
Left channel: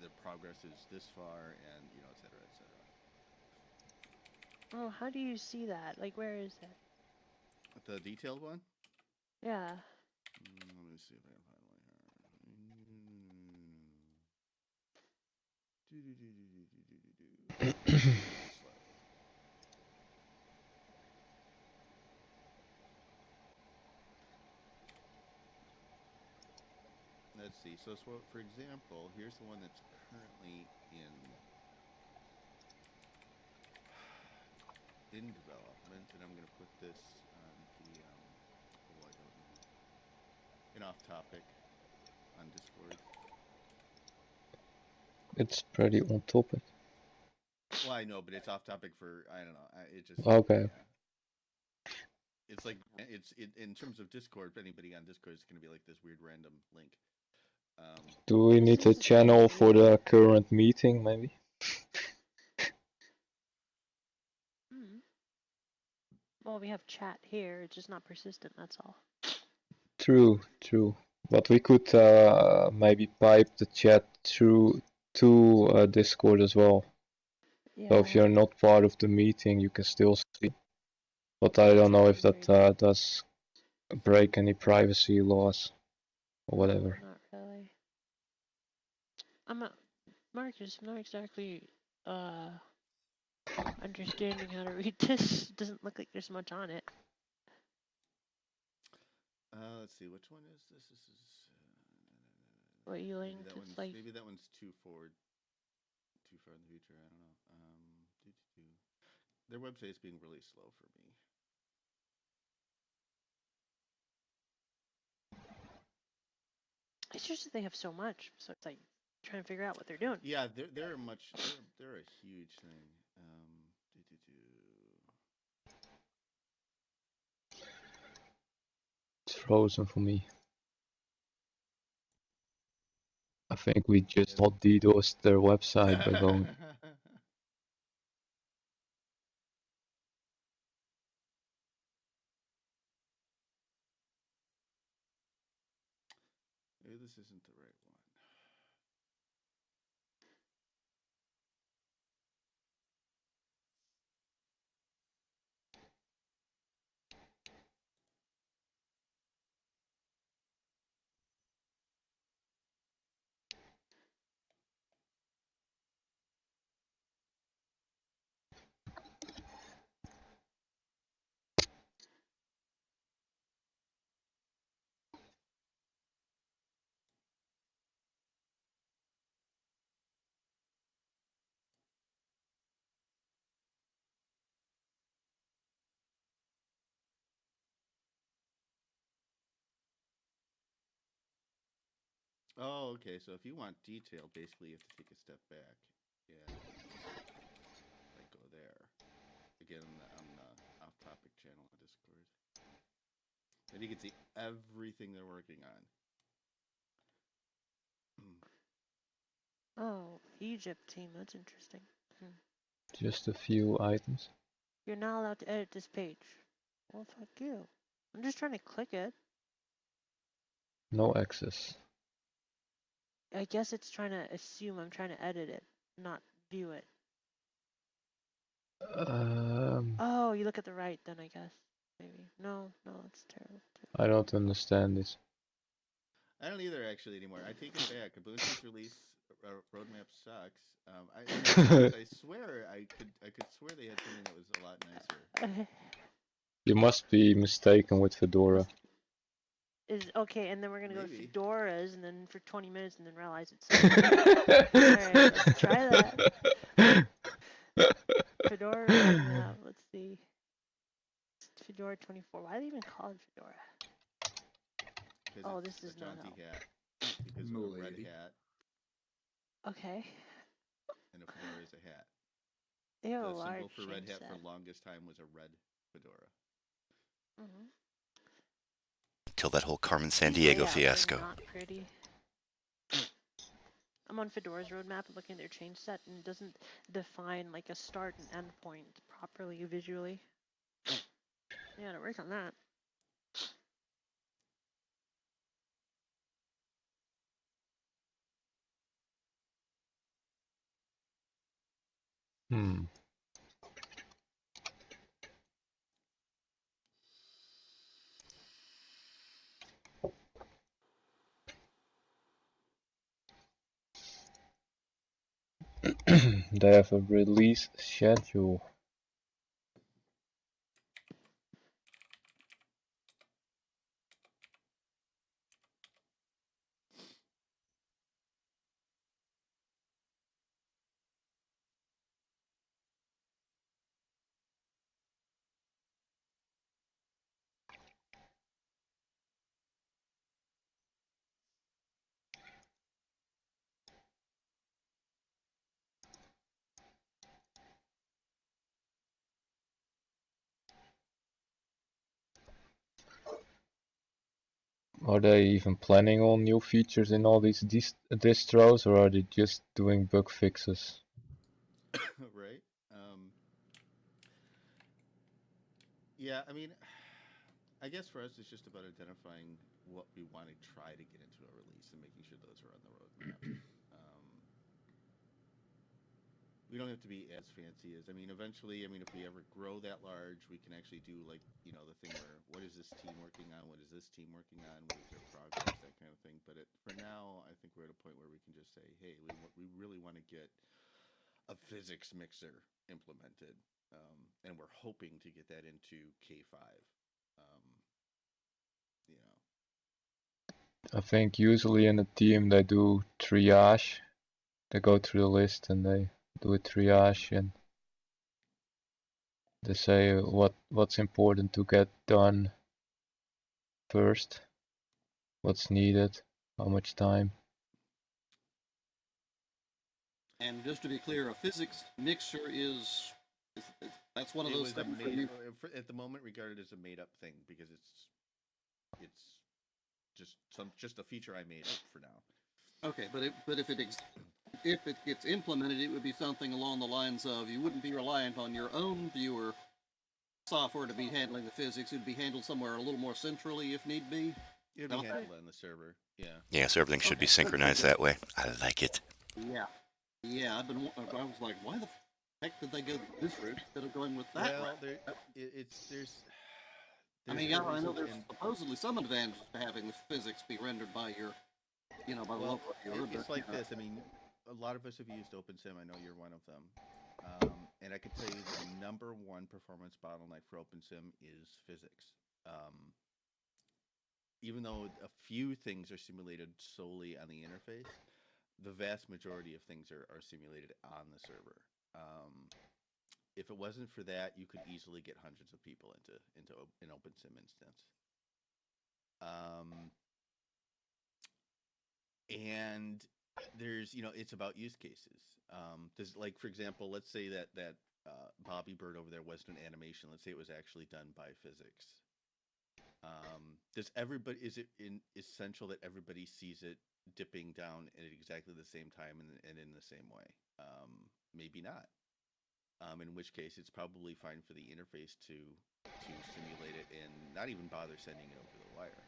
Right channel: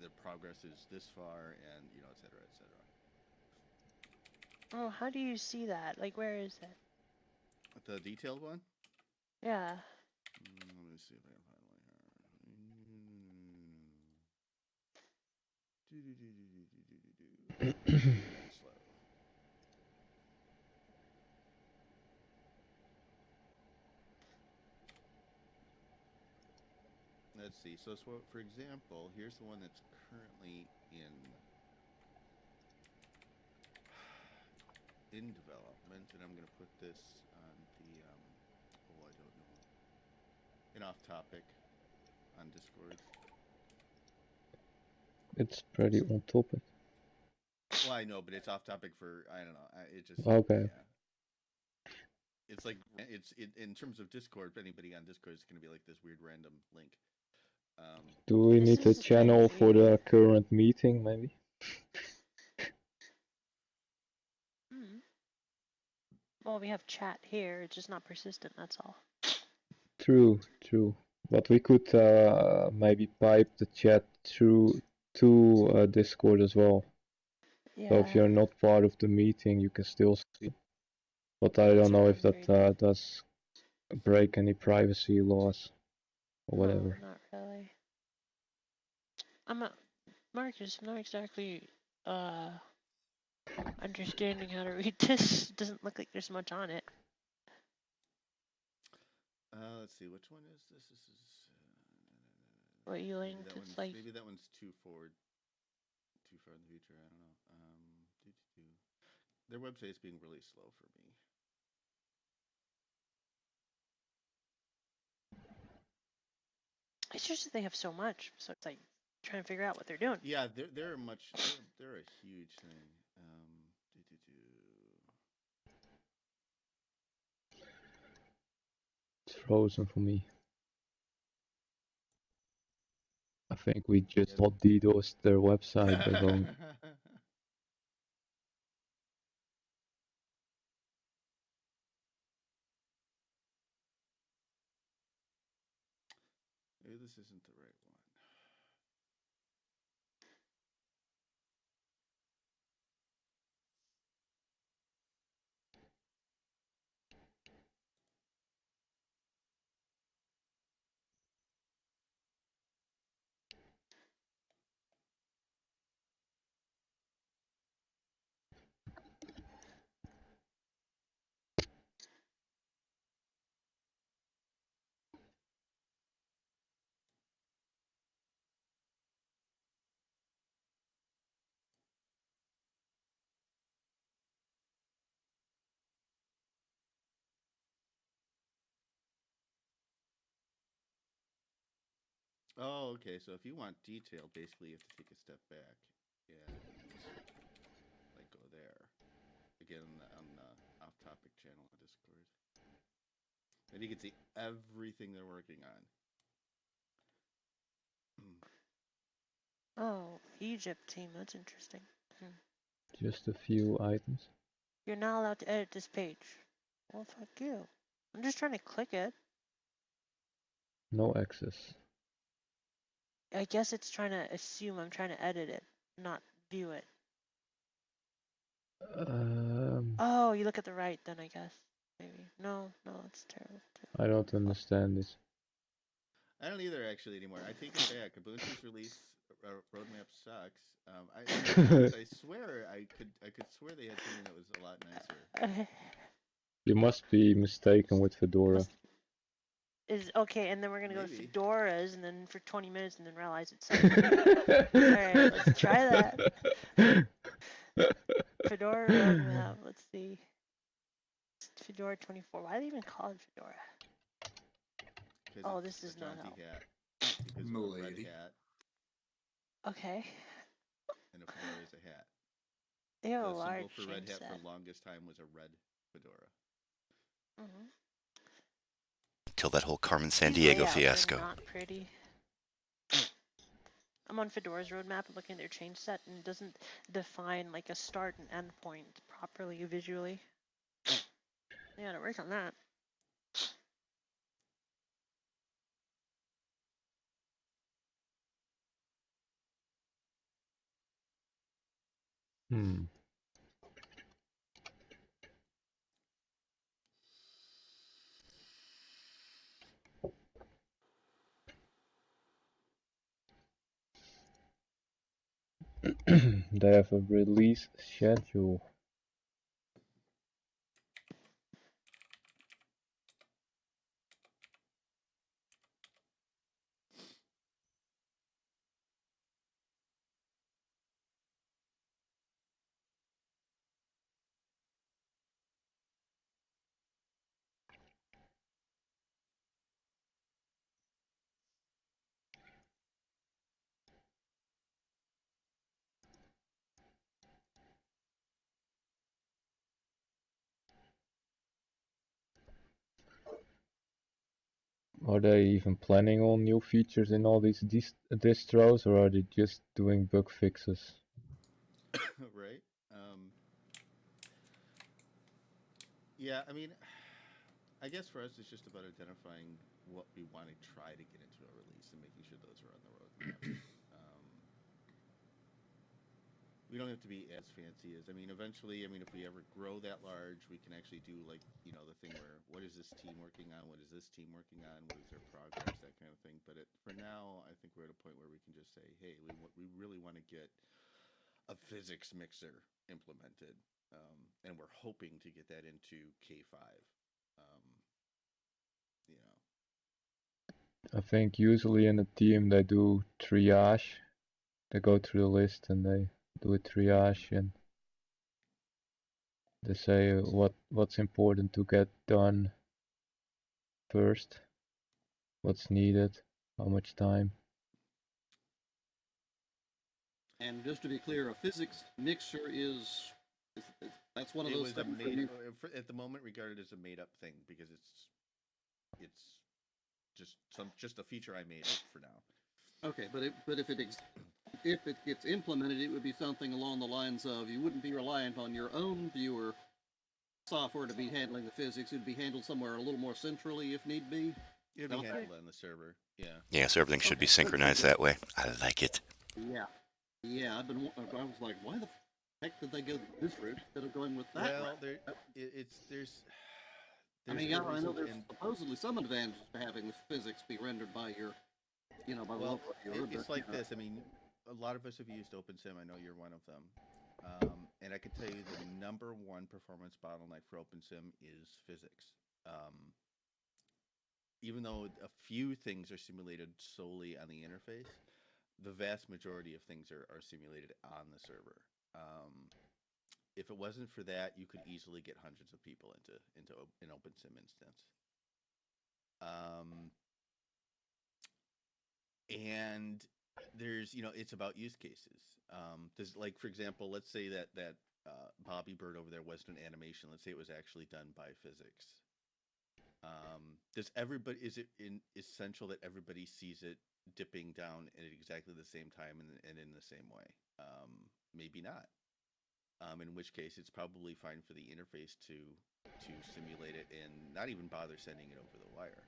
their progress is this far, and et cetera, et cetera. Oh, how do you see that? Like, where is it? The detailed one? Yeah. Let me see if I can find one here. Slow. Let's see. So, for example, here's the one that's currently in development, and I'm going to put this on the I don't know, an off topic on Discord. It's pretty on topic. Well, I know, but it's off topic for I don't know. It just okay. Yeah. It's like in terms of Discord. Anybody on Discord is going to be like this weird random link. Do we need a channel for the current meeting, maybe? Well, we have chat here. It's just not persistent. That's all. True. But we could maybe pipe the chat through to Discord as well. Yeah. So if you're not part of the meeting, you can still see. But I don't know if that does break any privacy laws or whatever. No, not really. Marcus, I'm not exactly understanding how to read this. It doesn't look like there's much on it. Let's see, which one is this? This is what you linked. Maybe that one's too far in the future. I don't know. Their website's being really slow for me. It's just that they have so much, so it's like trying to figure out what they're doing. Yeah, they're a huge thing. It's frozen for me. I think we just not DDoSed their website by going. Maybe this isn't the right one. Oh, okay. So if you want detail, basically you have to take a step back and like go there again on the off-topic channel on Discord. Then you can see everything they're working on. Oh, Egypt team. That's interesting. Just a few items. You're not allowed to edit this page. Well, fuck you. I'm just trying to click it. No access. I guess it's trying to assume I'm trying to edit it, not view it. Oh, you look at the right then, I guess. Maybe. No, it's terrible. I don't understand this. I don't either actually anymore. I take it back. Ubuntu's release roadmap sucks. I swear I could swear they had something that was a lot nicer. You must be mistaken with Fedora. Is okay, and then we're gonna go to Fedora's, and then for 20 minutes, and then realize it's. Alright, let's try that. Fedora roadmap. Let's see. Fedora 24. Why do they even call it Fedora? Oh, this is not help. Hat because of a red hat. Okay. And a fedora is a hat. They have the a large symbol for red hat set. for longest time was a red fedora. Till that whole Carmen Sandiego fiasco. Not pretty. I'm on Fedora's roadmap and looking at their change set, and it doesn't define like a start and end point properly visually. We gotta work on that. They have a release schedule. Are they even planning on new features in all these distros, or are they just doing bug fixes? Right. Yeah, I mean, I guess for us, it's just about identifying what we want to try to get into a release and making sure those are on the roadmap. We don't have to be as fancy as, I mean, eventually, I mean, if we ever grow that large, we can actually do like, you know, the thing where, what is this team working on? What is this team working on? What is their progress? That kind of thing. But for now, I think we're at a point where we can just say, hey, we really want to get a physics mixer implemented. And we're hoping to get that into K5. You know. I think usually in a team they do triage. They go through the list and they do a triage and they say what's important to get done first, what's needed, how much time. And just to be clear, a physics mixer is that's one of those things. At the moment regarded as a made-up thing because it's just a feature I made up for now. Okay, but if it gets implemented, it would be something along the lines of you wouldn't be reliant on your own viewer software to be handling the physics. It'd be handled somewhere a little more centrally if need be. It'd be handled on the server. Yeah. Yeah, so everything should be synchronized that way. I like it. Yeah. Yeah, I was like, why the heck did they go this route instead of going with that? Well, there's I mean, I know there's supposedly some advantage to having the physics be rendered by your, by the local viewer. It's like this. I mean, a lot of us have used OpenSim. I know you're one of them. And I can tell you the number one performance bottleneck for OpenSim is physics. Even though a few things are simulated solely on the interface, the vast majority of things are simulated on the server. If it wasn't for that, you could easily get hundreds of people into an OpenSim instance. And there's, it's about use cases. There's like, for example, let's say that Bobby Bird over there wasn't an animation. Let's say it was actually done by physics. Is it essential that everybody sees it dipping down at exactly the same time and in the same way? Maybe not. In which case, it's probably fine for the interface to simulate it and not even bother sending it over the wire.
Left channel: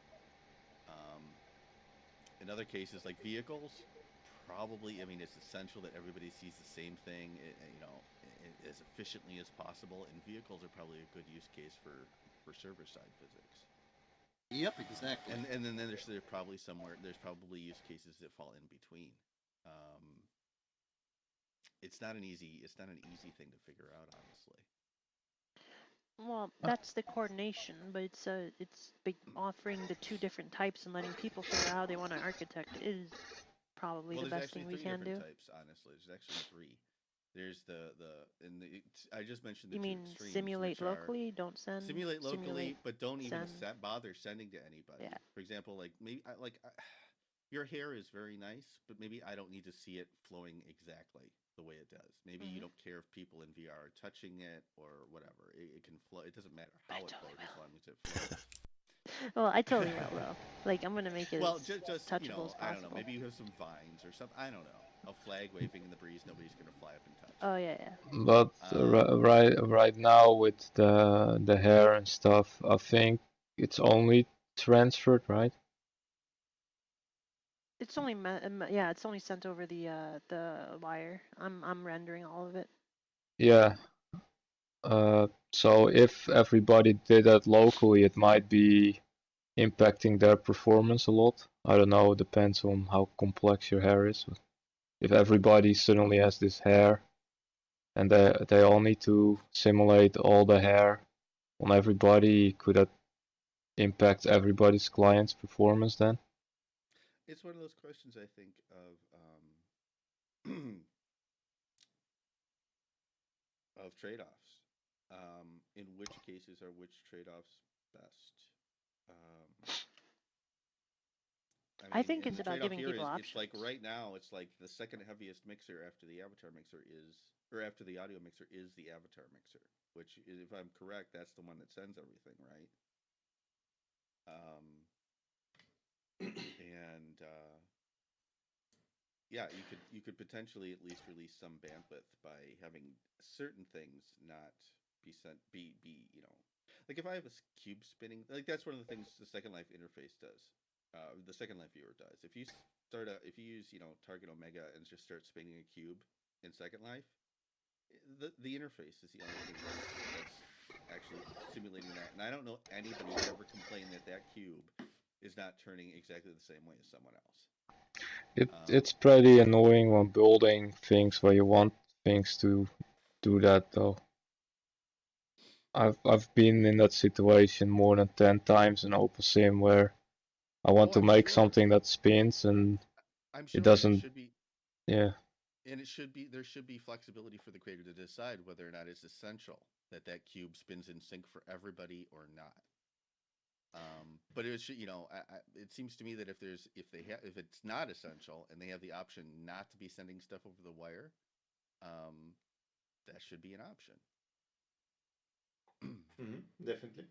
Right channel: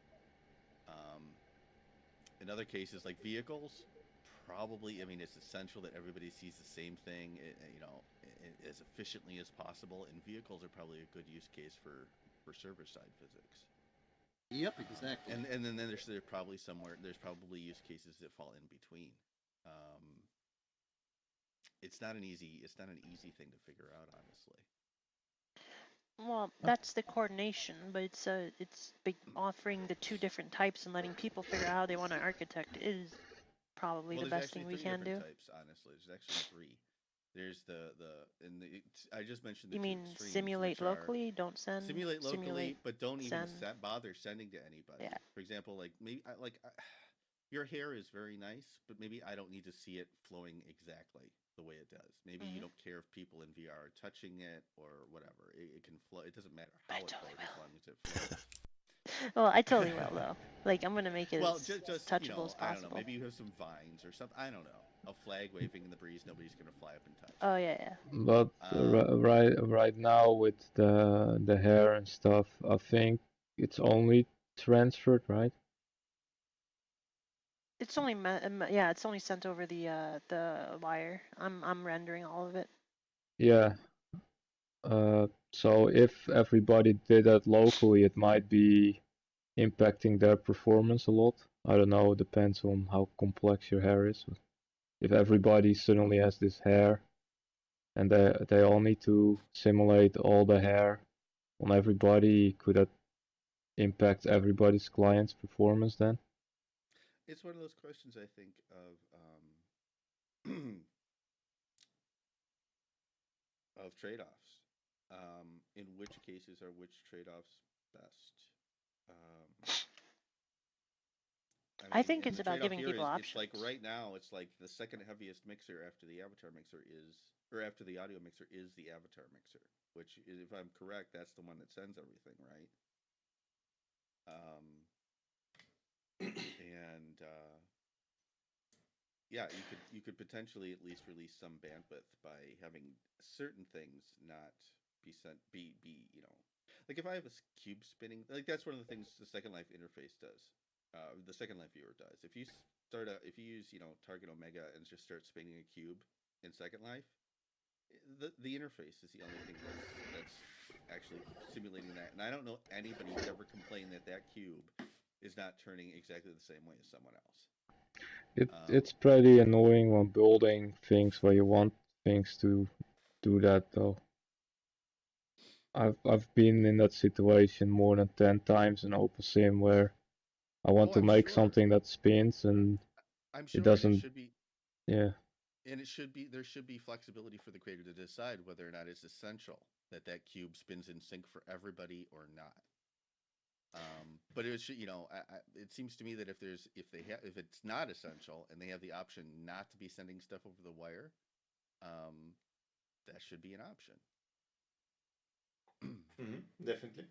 In other cases, like vehicles, probably, I mean, it's essential that everybody sees the same thing, as efficiently as possible. And vehicles are probably a good use case for server-side physics. Yep, exactly. And then there's probably use cases that fall in between. It's not an easy thing to figure out, honestly. Well, that's the coordination, but it's offering the two different types and letting people figure out how they want to architect is probably the best thing we can do. There's actually 3 different types, honestly. There's actually 3. There's I just mentioned the you two mean extremes. Simulate locally, don't send. Simulate locally, but don't even bother sending to anybody. Yeah. For example, like maybe your hair is very nice, but maybe I don't need to see it flowing exactly the way it does. Maybe you don't care if people in VR are touching it or whatever. It can flow. It doesn't matter how it flows as long as it flows. Well, I totally will though. Like I'm gonna make it well, as just touchable as I don't know. possible. Maybe you have some vines or something. I don't know. A flag waving in the breeze. Nobody's gonna fly up and touch. Oh yeah. But right now with the hair and stuff, I think it's only transferred, right? It's only it's only sent over the wire. I'm rendering all of it. Yeah. So if everybody did that locally, it might be impacting their performance a lot. I don't know, it depends on how complex your hair is. If everybody suddenly has this hair and they all need to simulate all the hair on everybody, could that impact everybody's client's performance then? It's one of those questions I think of of trade-offs. In which cases are which trade-offs best? I think it's the about trade-off giving here people is options. it's like right now it's like the second heaviest mixer after the avatar mixer is, or after the audio mixer is the avatar mixer, which is, if I'm correct, that's the one that sends everything, right? And yeah, you could potentially at least release some bandwidth by having certain things not be sent be like if I have a cube spinning, like that's one of the things the Second Life interface does. The Second Life viewer does. If you use Target Omega and just start spinning a cube in Second Life, the interface is the only thing that's actually simulating that. And I don't know anybody who's ever complained that cube is not turning exactly the same way as someone else. It's pretty annoying when building things where you want things to do that though. I've been in that situation more than 10 times in OpenSim where I want to make something that spins and I'm sure it doesn't. And it should be, yeah. And there should be flexibility for the creator to decide whether or not it's essential that cube spins in sync for everybody or not. But it should, it seems to me that if it's not essential and they have the option not to be sending stuff over the wire, that should be an option. Definitely.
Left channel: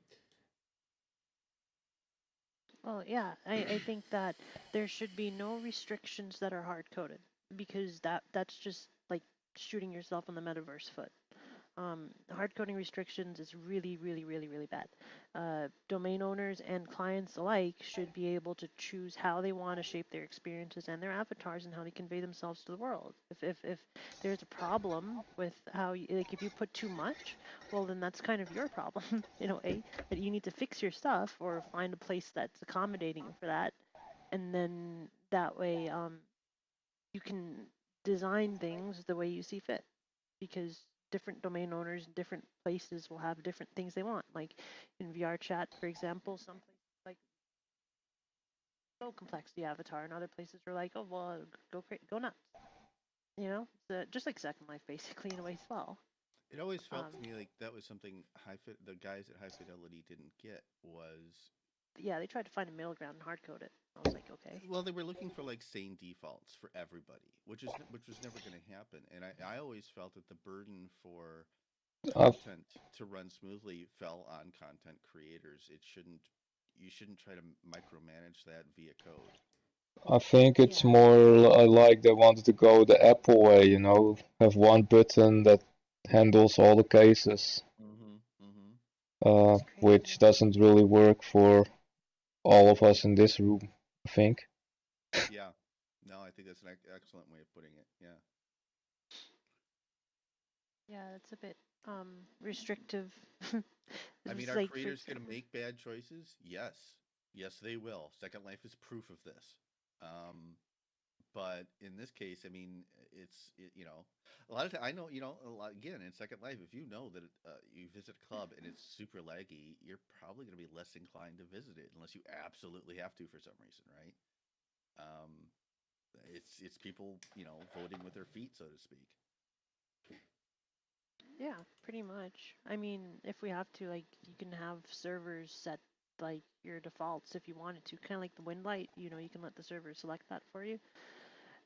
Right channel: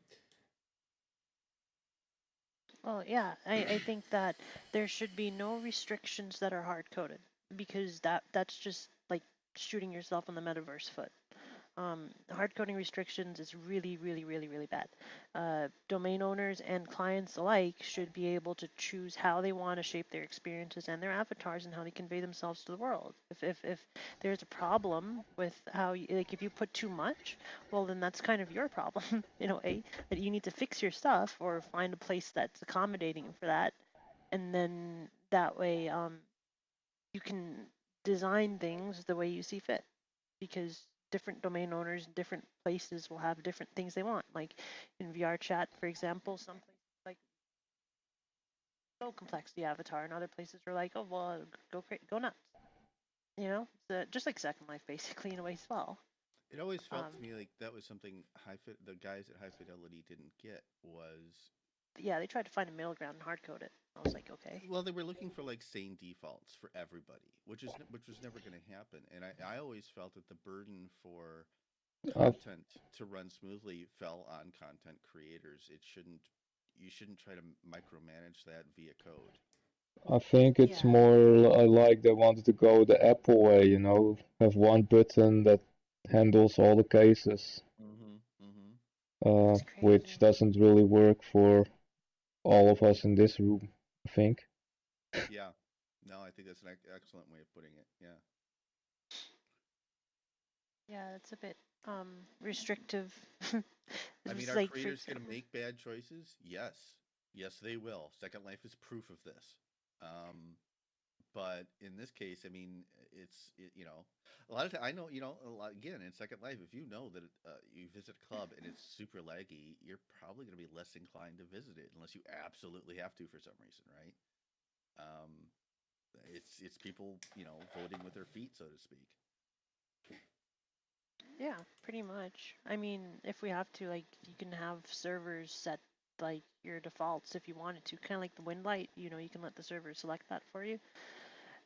Well, yeah, I think that there should be no restrictions that are hard coded because that's just like shooting yourself in the metaverse foot. Hard coding restrictions is really, really, really, really bad. Domain owners and clients alike should be able to choose how they want to shape their experiences and their avatars and how they convey themselves to the world. If there's a problem with how if you put too much, well then that's kind of your problem, that you need to fix your stuff or find a place that's accommodating for that, and then that way you can design things the way you see fit, because different domain owners in different places will have different things they want. Like in VR chat, for example, some places like so complex the avatar, and other places are like, oh well, go nuts. So just like Second Life, basically in a way as well. It always felt to me like that was something the guys at High Fidelity didn't get was. Yeah, they tried to find a middle ground and hard code it. I was like, okay. Well, they were looking for like sane defaults for everybody, which was never going to happen. And I always felt that the burden for content to run smoothly fell on content creators. You shouldn't try to micromanage that via code. I think it's more like they wanted to go the Apple way, have one button that handles all the cases. Which doesn't really work for all of us in this room, I think. Yeah. No, I think that's an excellent way of putting it. Yeah. Yeah, it's a bit restrictive. I mean, are creators going to make bad choices? Yes. Yes, they will. Second Life is proof of this. But in this case, I mean, a lot of times, I know, again, in Second Life, if you know that you visit a club and it's super laggy, you're probably going to be less inclined to visit it unless you absolutely have to for some reason, right? It's people, voting with their feet, so to speak. Yeah, pretty much. I mean, if we have to, like, you can have servers set like your defaults if you wanted to, kind of like the wind light. You can let the server select that for you.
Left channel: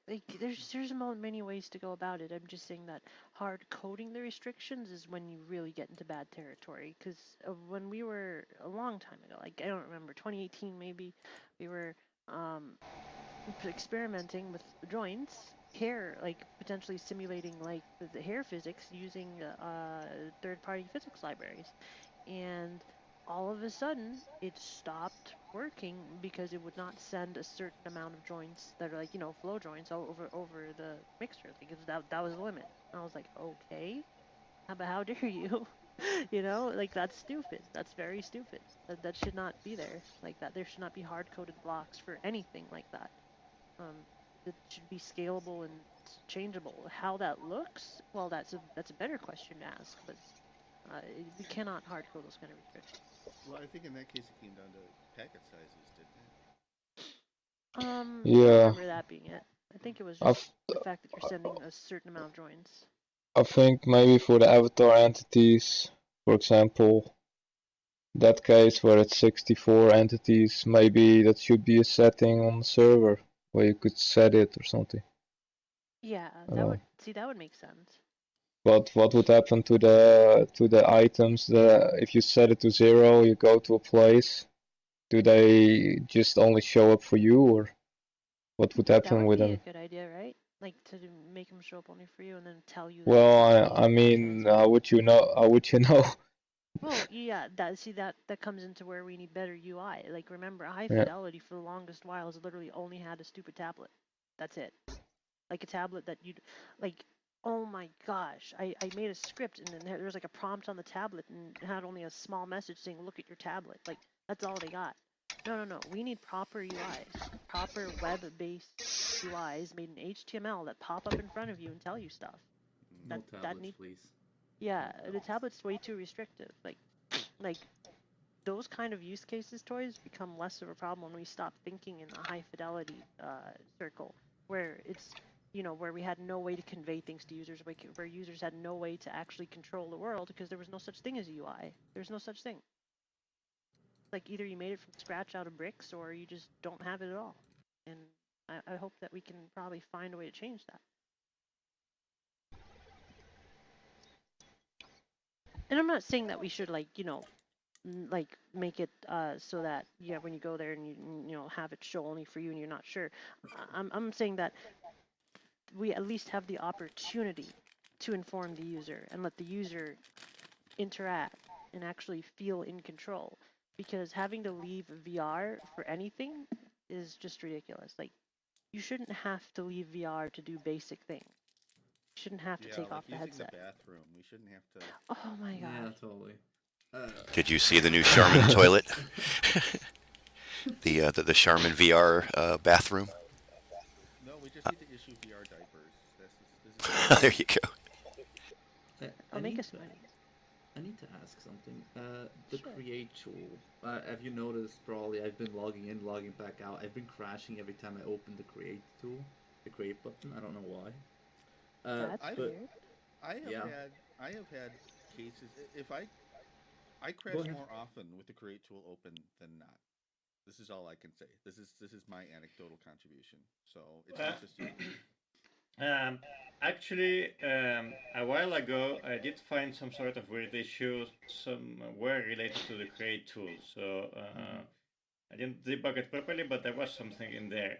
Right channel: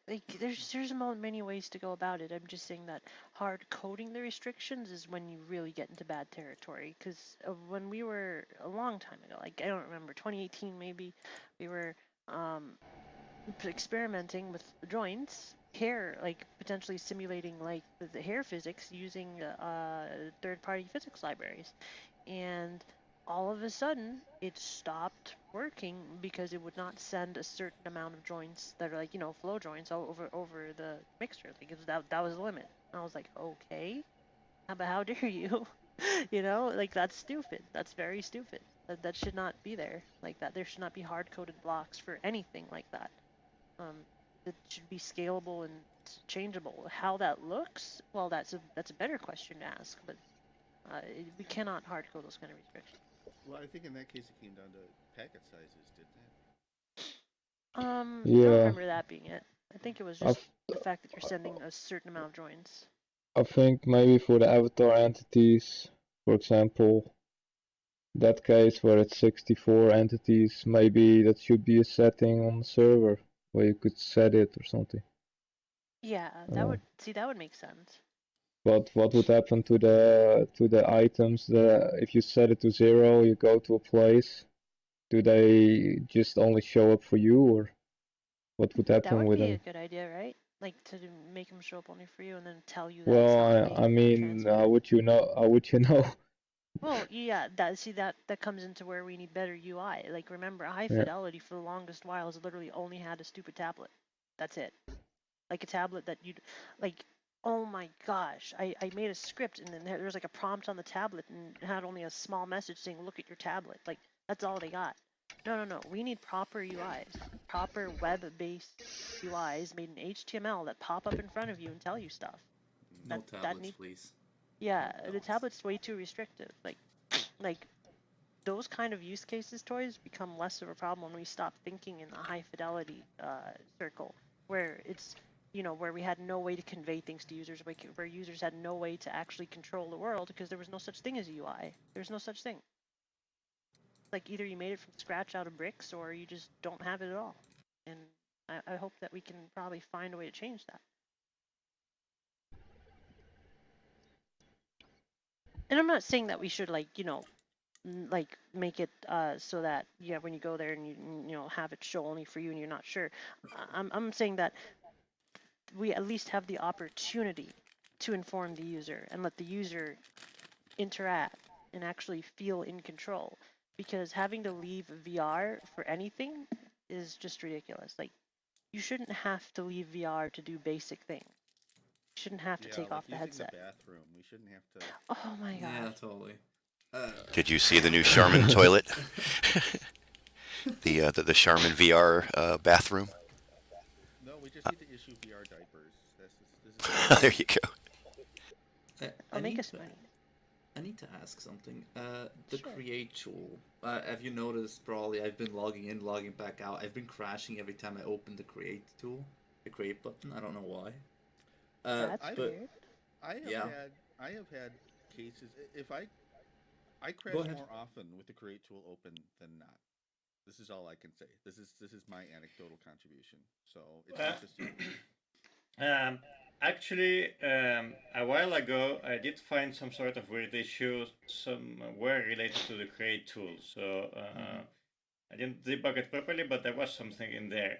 like there's many ways to go about it. I'm just saying that hard coding the restrictions is when you really get into bad territory. Because when we were a long time ago, like I don't remember, 2018 maybe, we were experimenting with the joints, hair, like potentially simulating like the hair physics using third-party physics libraries, and all of a sudden it stopped working because it would not send a certain amount of joints that are like flow joints all over the mixture. Like that was the limit. And I was like, okay, but how dare you? Like that's stupid. That's very stupid. That should not be there like that. There should not be hard-coded blocks for anything like that. It should be scalable and changeable. How that looks, well, that's a better question to ask. But we cannot hard code those kind of restrictions. Well, I think in that case it came down to packet sizes, didn't it? I don't remember that being it. I think it was just the fact that you're sending a certain amount of joins. I think maybe for the avatar entities, for example, that case where it's 64 entities, maybe that should be a setting on the server where you could set it or something. Yeah, that would make sense. But what would happen to the items that if you set it to 0, you go to a place, do they just only show up for you, or what would happen with them? That would be a good idea, right? Like to make them show up only for you and then tell you. Well, I mean, how would you know? How would you know? Well, yeah, that comes into where we need better UI. Like, remember, High Fidelity for the longest while has literally only had a stupid tablet. That's it. Like a tablet that you'd, like, oh my gosh, I made a script and then there was like a prompt on the tablet and it had only a small message saying, look at your tablet. Like, that's all they got. No. We need proper UIs, proper web-based UIs made in HTML that pop up in front of you and tell you stuff. No tablets, please. Yeah, the tablet's way too restrictive. Like those kind of use cases toys become less of a problem when we stop thinking in the high fidelity circle, where it's where we had no way to convey things to users, where users had no way to actually control the world because there was no such thing as a UI. There's no such thing. Like either you made it from scratch out of bricks or you just don't have it at all. And I hope that we can probably find a way to change that. And I'm not saying that we should like make it so that when you go there and you have it show only for you and you're not sure. I'm saying that we at least have the opportunity to inform the user and let the user interact and actually feel in control, because having to leave VR for anything is just ridiculous. Like, you shouldn't have to leave VR to do basic things. You shouldn't have to take off the headset. The bathroom. We shouldn't have to. Oh my god. Yeah, totally. Did you see the new Charmin toilet? the Charmin VR bathroom? No, we just need to issue VR diapers. This is there you go. I'll make us money. I need to ask something. The create tool. Have you noticed? Probably I've been logging in, logging back out. I've been crashing every time I open the create tool, the create button. I don't know why. That's weird. I have had cases. If I crash more often with the create tool open than not. This is all I can say. This is my anecdotal contribution. So it's not just you. Actually, a while ago, I did find some sort of weird issue somewhere related to the create tool. So I didn't debug it properly, but there was something in there.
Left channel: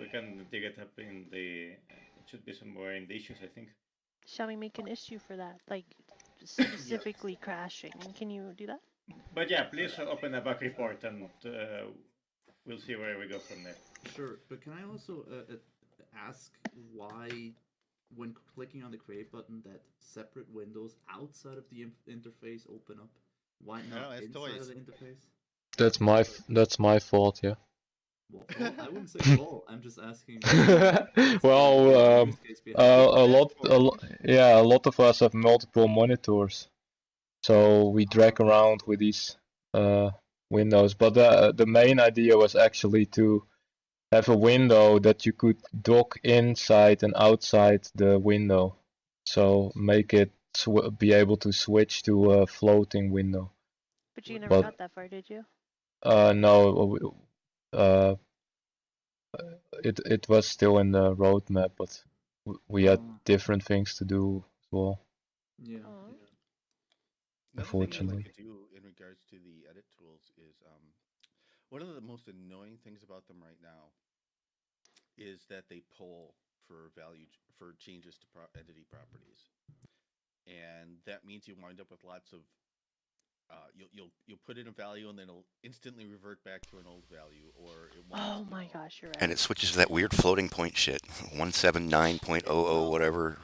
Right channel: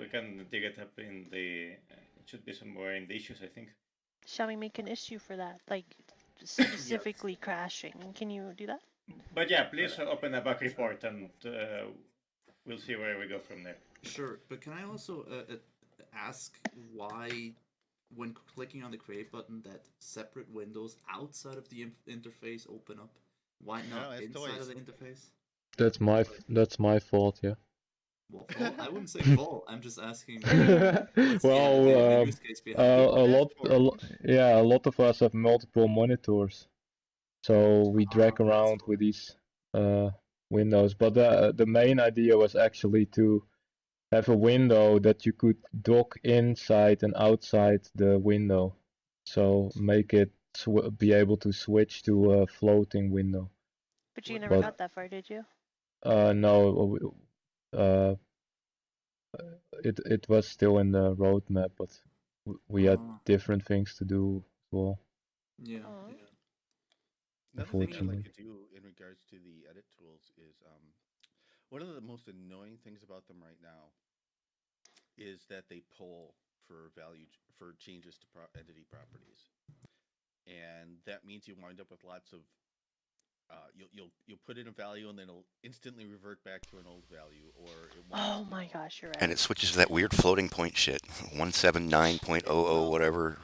We can dig it up in the. It should be somewhere in the issues, I think. Shall we make an issue for that? Like specifically crashing. Can you do that? But yeah, please open a bug report and we'll see where we go from there. Sure, but can I also ask why, when clicking on the create button, that separate windows outside of the interface open up? Why not inside of the interface? That's my fault, yeah. Well, I wouldn't say fault. I'm just asking. Well, a lot of us have multiple monitors, so we drag around with these windows. But the main idea was actually to have a window that you could dock inside and outside the window, so make it be able to switch to a floating window. But you never got that far, did you? No. it was still in the roadmap, but we had different things to do as well. Yeah. Another thing I'd like to do in regards to the edit tools is one of the most annoying things about them right now is that they pull for changes to entity properties, and that means you wind up with lots of you'll put in a value and then it'll instantly revert back to an old value, or it won't. Oh my gosh, you're right. And it switches to that weird floating point shit, 179.00 whatever.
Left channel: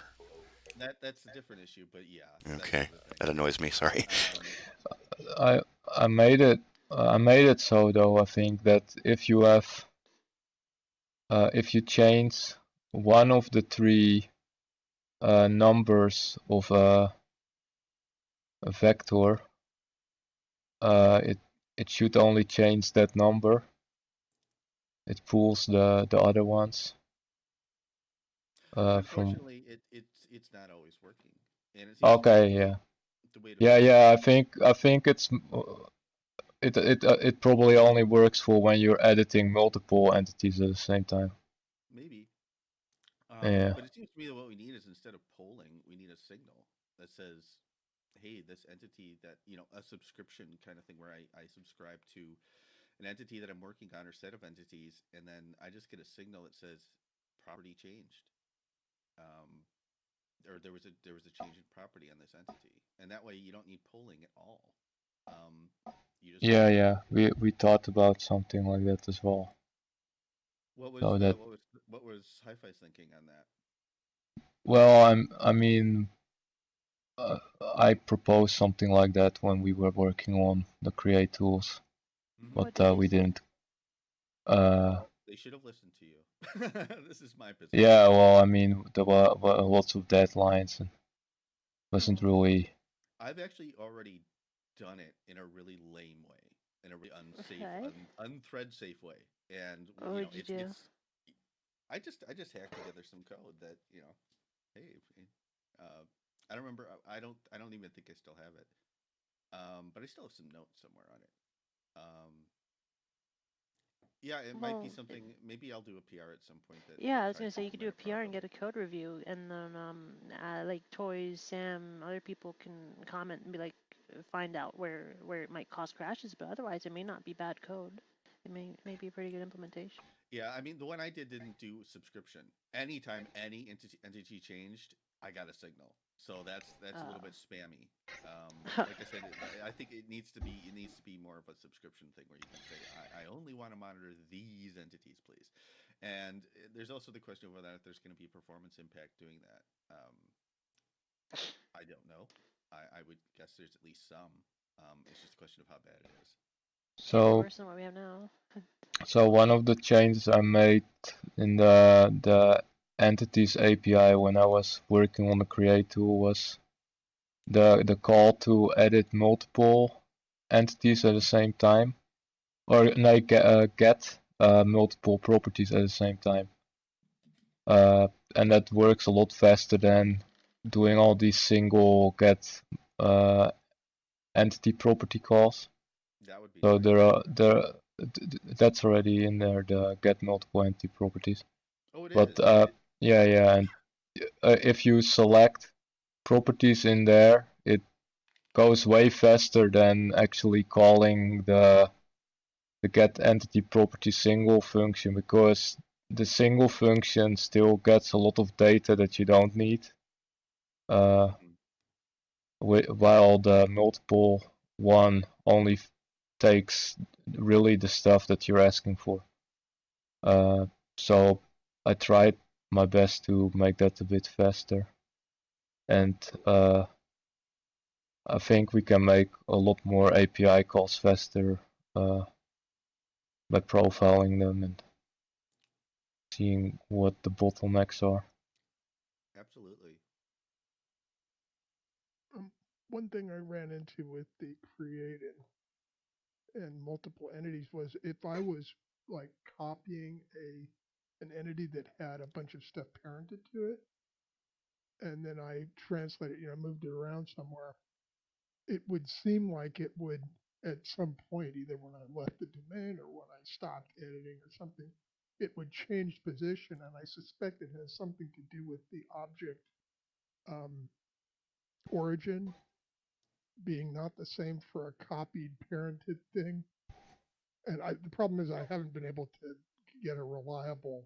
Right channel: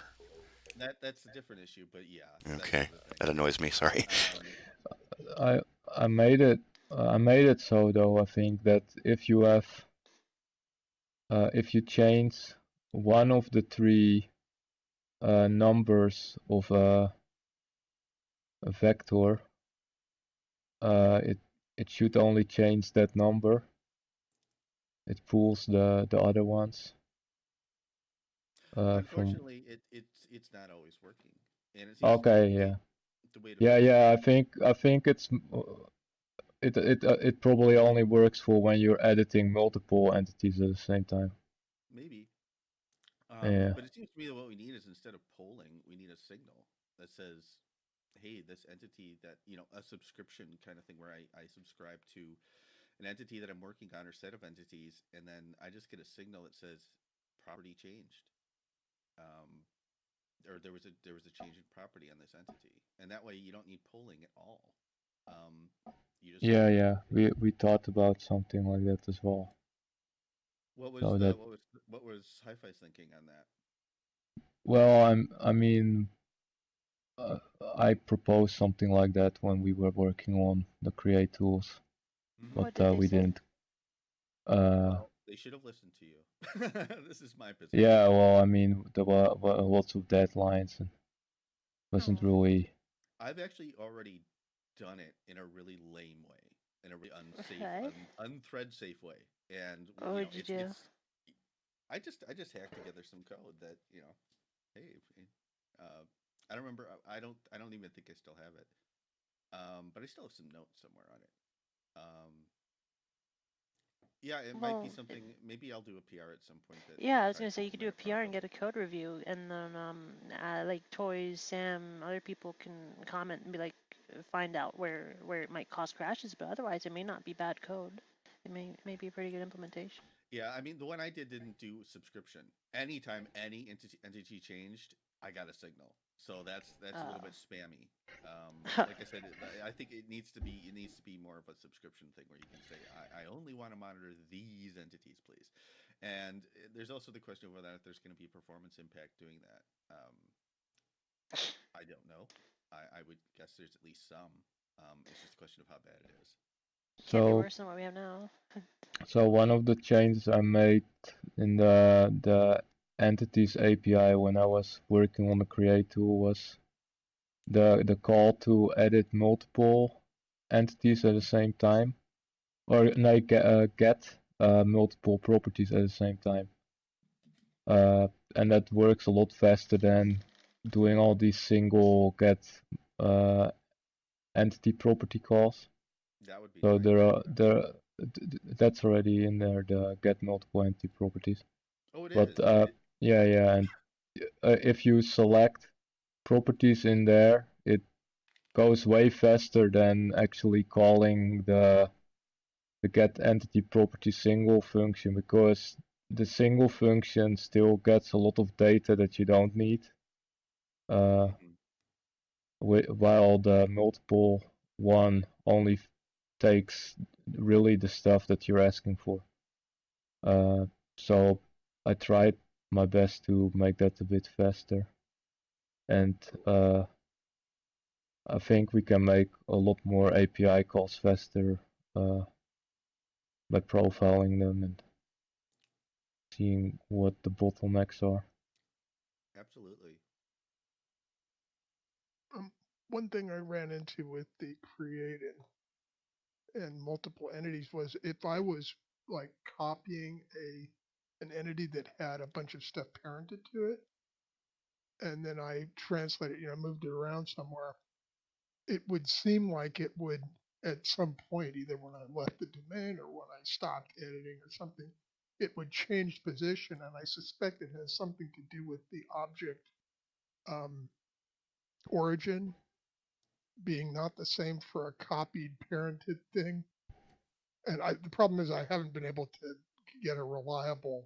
That's a different issue, but yeah. Okay, that annoys me. Sorry. I made it so though. I think that if you have if you change one of the three numbers of a vector, it should only change that number. It pulls the other ones. Unfortunately, it's not always working, and it seems okay. Yeah. I think it probably only works for when you're editing multiple entities at the same time. Maybe. Yeah. But it seems to me that what we need is, instead of polling, we need a signal that says, hey, this entity that, a subscription kind of thing where I subscribe to an entity that I'm working on or set of entities, and then I just get a signal that says property changed. Or there was a change in property on this entity, and that way you don't need polling at all. You just yeah. We thought about something like that as well. What was Hi-Fi's thinking on that? Well, I mean, I proposed something like that when we were working on the create tools, but we didn't. Well, they should have listened to you. This is my position. Yeah, well, I mean, there were lots of deadlines and wasn't really. I've actually already done it in a really lame way, in a really unsafe, unthread safe way, and it's. I just hacked together some code that hey, I don't remember. I don't even think I still have it. But I still have some notes somewhere on it. Yeah, it might be something. Maybe I'll do a PR at some point. I was gonna say you could do a PR and get a code review, and then like Toys, Sam, other people can comment and be like, find out where it might cause crashes, but otherwise it may not be bad code. It may be a pretty good implementation. Yeah, I mean the one I did didn't do subscription. Anytime any entity changed, I got a signal. So that's a little bit spammy. Like I said, I think it needs to be more of a subscription thing where you can say I only want to monitor these entities, please. And there's also the question of whether there's going to be performance impact doing that. I don't know. I would guess there's at least some. It's just a question of how bad it is. So can't be worse than what we have now. So one of the changes I made in the entities API when I was working on the create tool was the call to edit multiple entities at the same time, or no, get multiple properties at the same time. And that works a lot faster than doing all these single get entity property calls. That would be so that's already in there, the get multiple entity properties. Oh, it but, is. Yeah, and if you select properties in there, it goes way faster than actually calling the get entity property single function, because the single function still gets a lot of data that you don't need, while the multiple one only takes really the stuff that you're asking for. So I tried my best to make that a bit faster, and I think we can make a lot more API calls faster by profiling them and seeing what the bottlenecks are. Absolutely. One thing I ran into with the create and multiple entities was if I was like copying an entity that had a bunch of stuff parented to it, and then I translated, moved it around somewhere, it would seem like it would at some point, either when I left the domain or when I stopped editing or something, it would change position, and I suspect it has something to do with the object origin being not the same for a copied parented thing. And the problem is I haven't been able to get a reliable,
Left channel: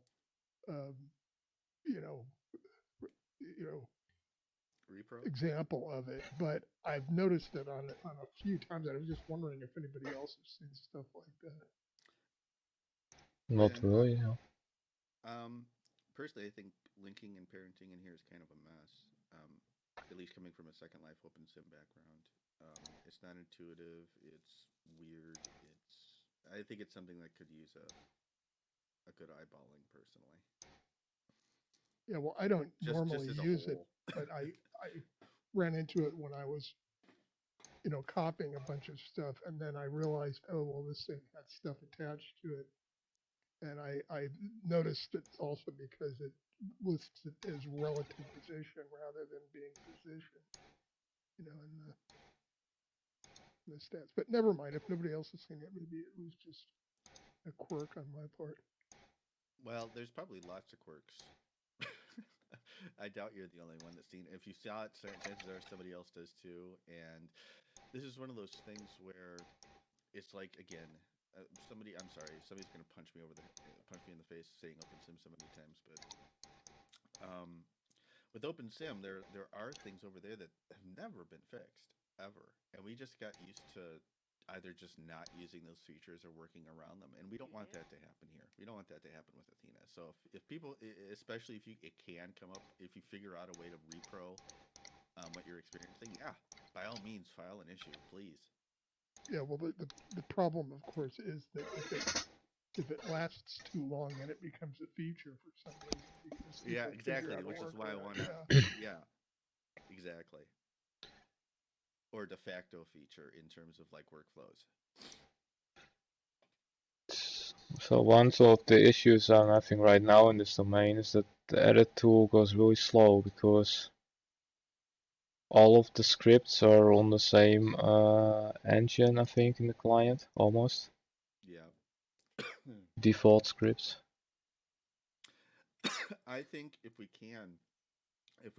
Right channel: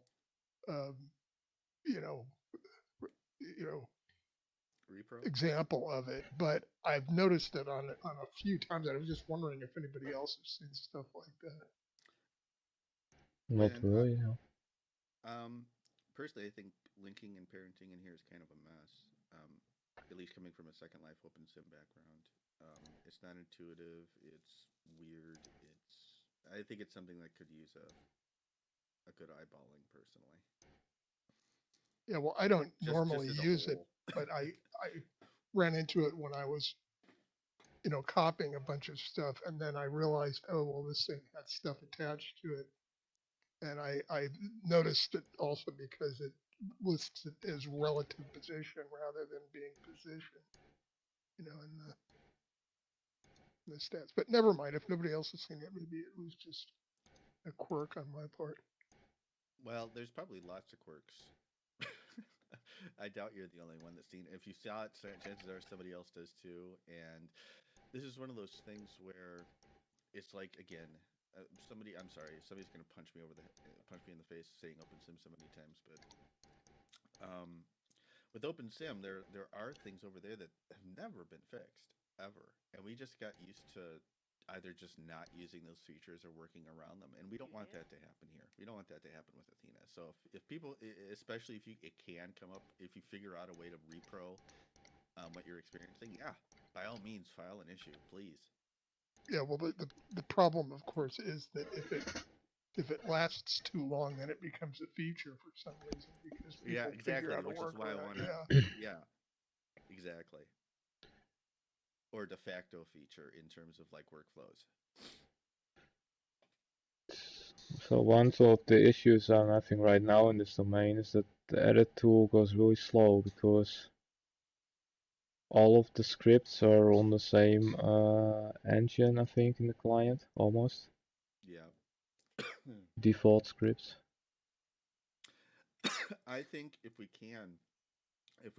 you know, repro example of it. But I've noticed it on a few times. I was just wondering if anybody else has seen stuff like that. Not really. Personally, I think linking and parenting in here is kind of a mess. At least coming from a Second Life OpenSim background, it's not intuitive. It's weird. I think it's something that could use a good eyeballing personally. Yeah, well, I don't normally use it, but I ran into it when I was, copying a bunch of stuff, and then I realized, oh, well, this thing had stuff attached to it, and I noticed it also because it lists it as relative position rather than being position, in the stats. But never mind, if nobody else has seen it, maybe it was just a quirk on my part. Well, there's probably lots of quirks. I doubt you're the only one that's seen it. If you saw it, chances are somebody else does too. And this is one of those things where it's like, again, I'm sorry, somebody's gonna punch me in the face saying OpenSim so many times, but with OpenSim, there are things over there that have never been fixed ever, and we just got used to either just not using those features or working around them, and we don't want that to happen here. We don't want that to happen with Athena. So if people, especially if it can come up, if you figure out a way to repro what you're experiencing, yeah, by all means, file an issue, please. Yeah, well, the problem, of course, is that if it lasts too long, then it becomes a feature for some reason. Because exactly, which is why I want to. Yeah, exactly. Or de facto feature in terms of like workflows. So one of the issues I'm having right now in this domain is that the edit tool goes really slow because all of the scripts are on the same engine, I think, in the client, almost. Yeah. Default scripts. I think if we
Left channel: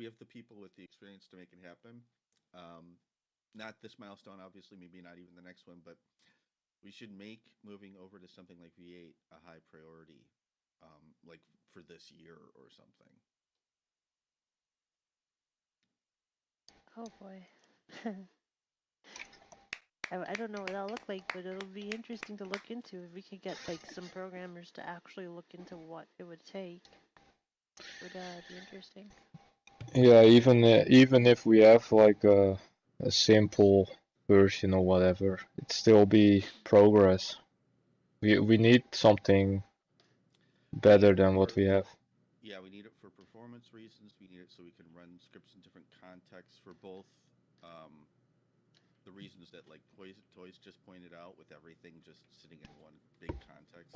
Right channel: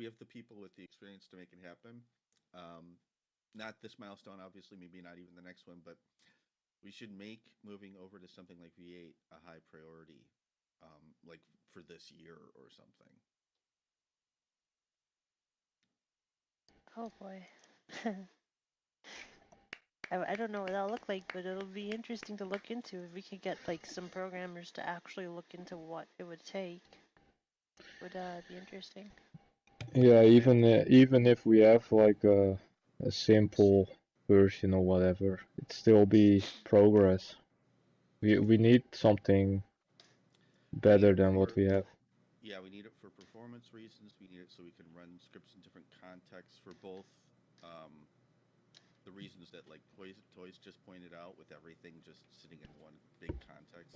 have the people with the experience to make it happen, not this milestone, obviously, maybe not even the next one, but we should make moving over to something like V8 a high priority, like for this year or something. Oh boy. I don't know what that'll look like, but it'll be interesting to look into. If we could get like some programmers to actually look into what it would take, would be interesting. Yeah, even if we have like a simple version or whatever, it'd still be progress. We need something better than what we have. Yeah, we need it for performance reasons. We need it so we can run scripts in different contexts for both the reasons that like Toys just pointed out, with everything just sitting in one big context.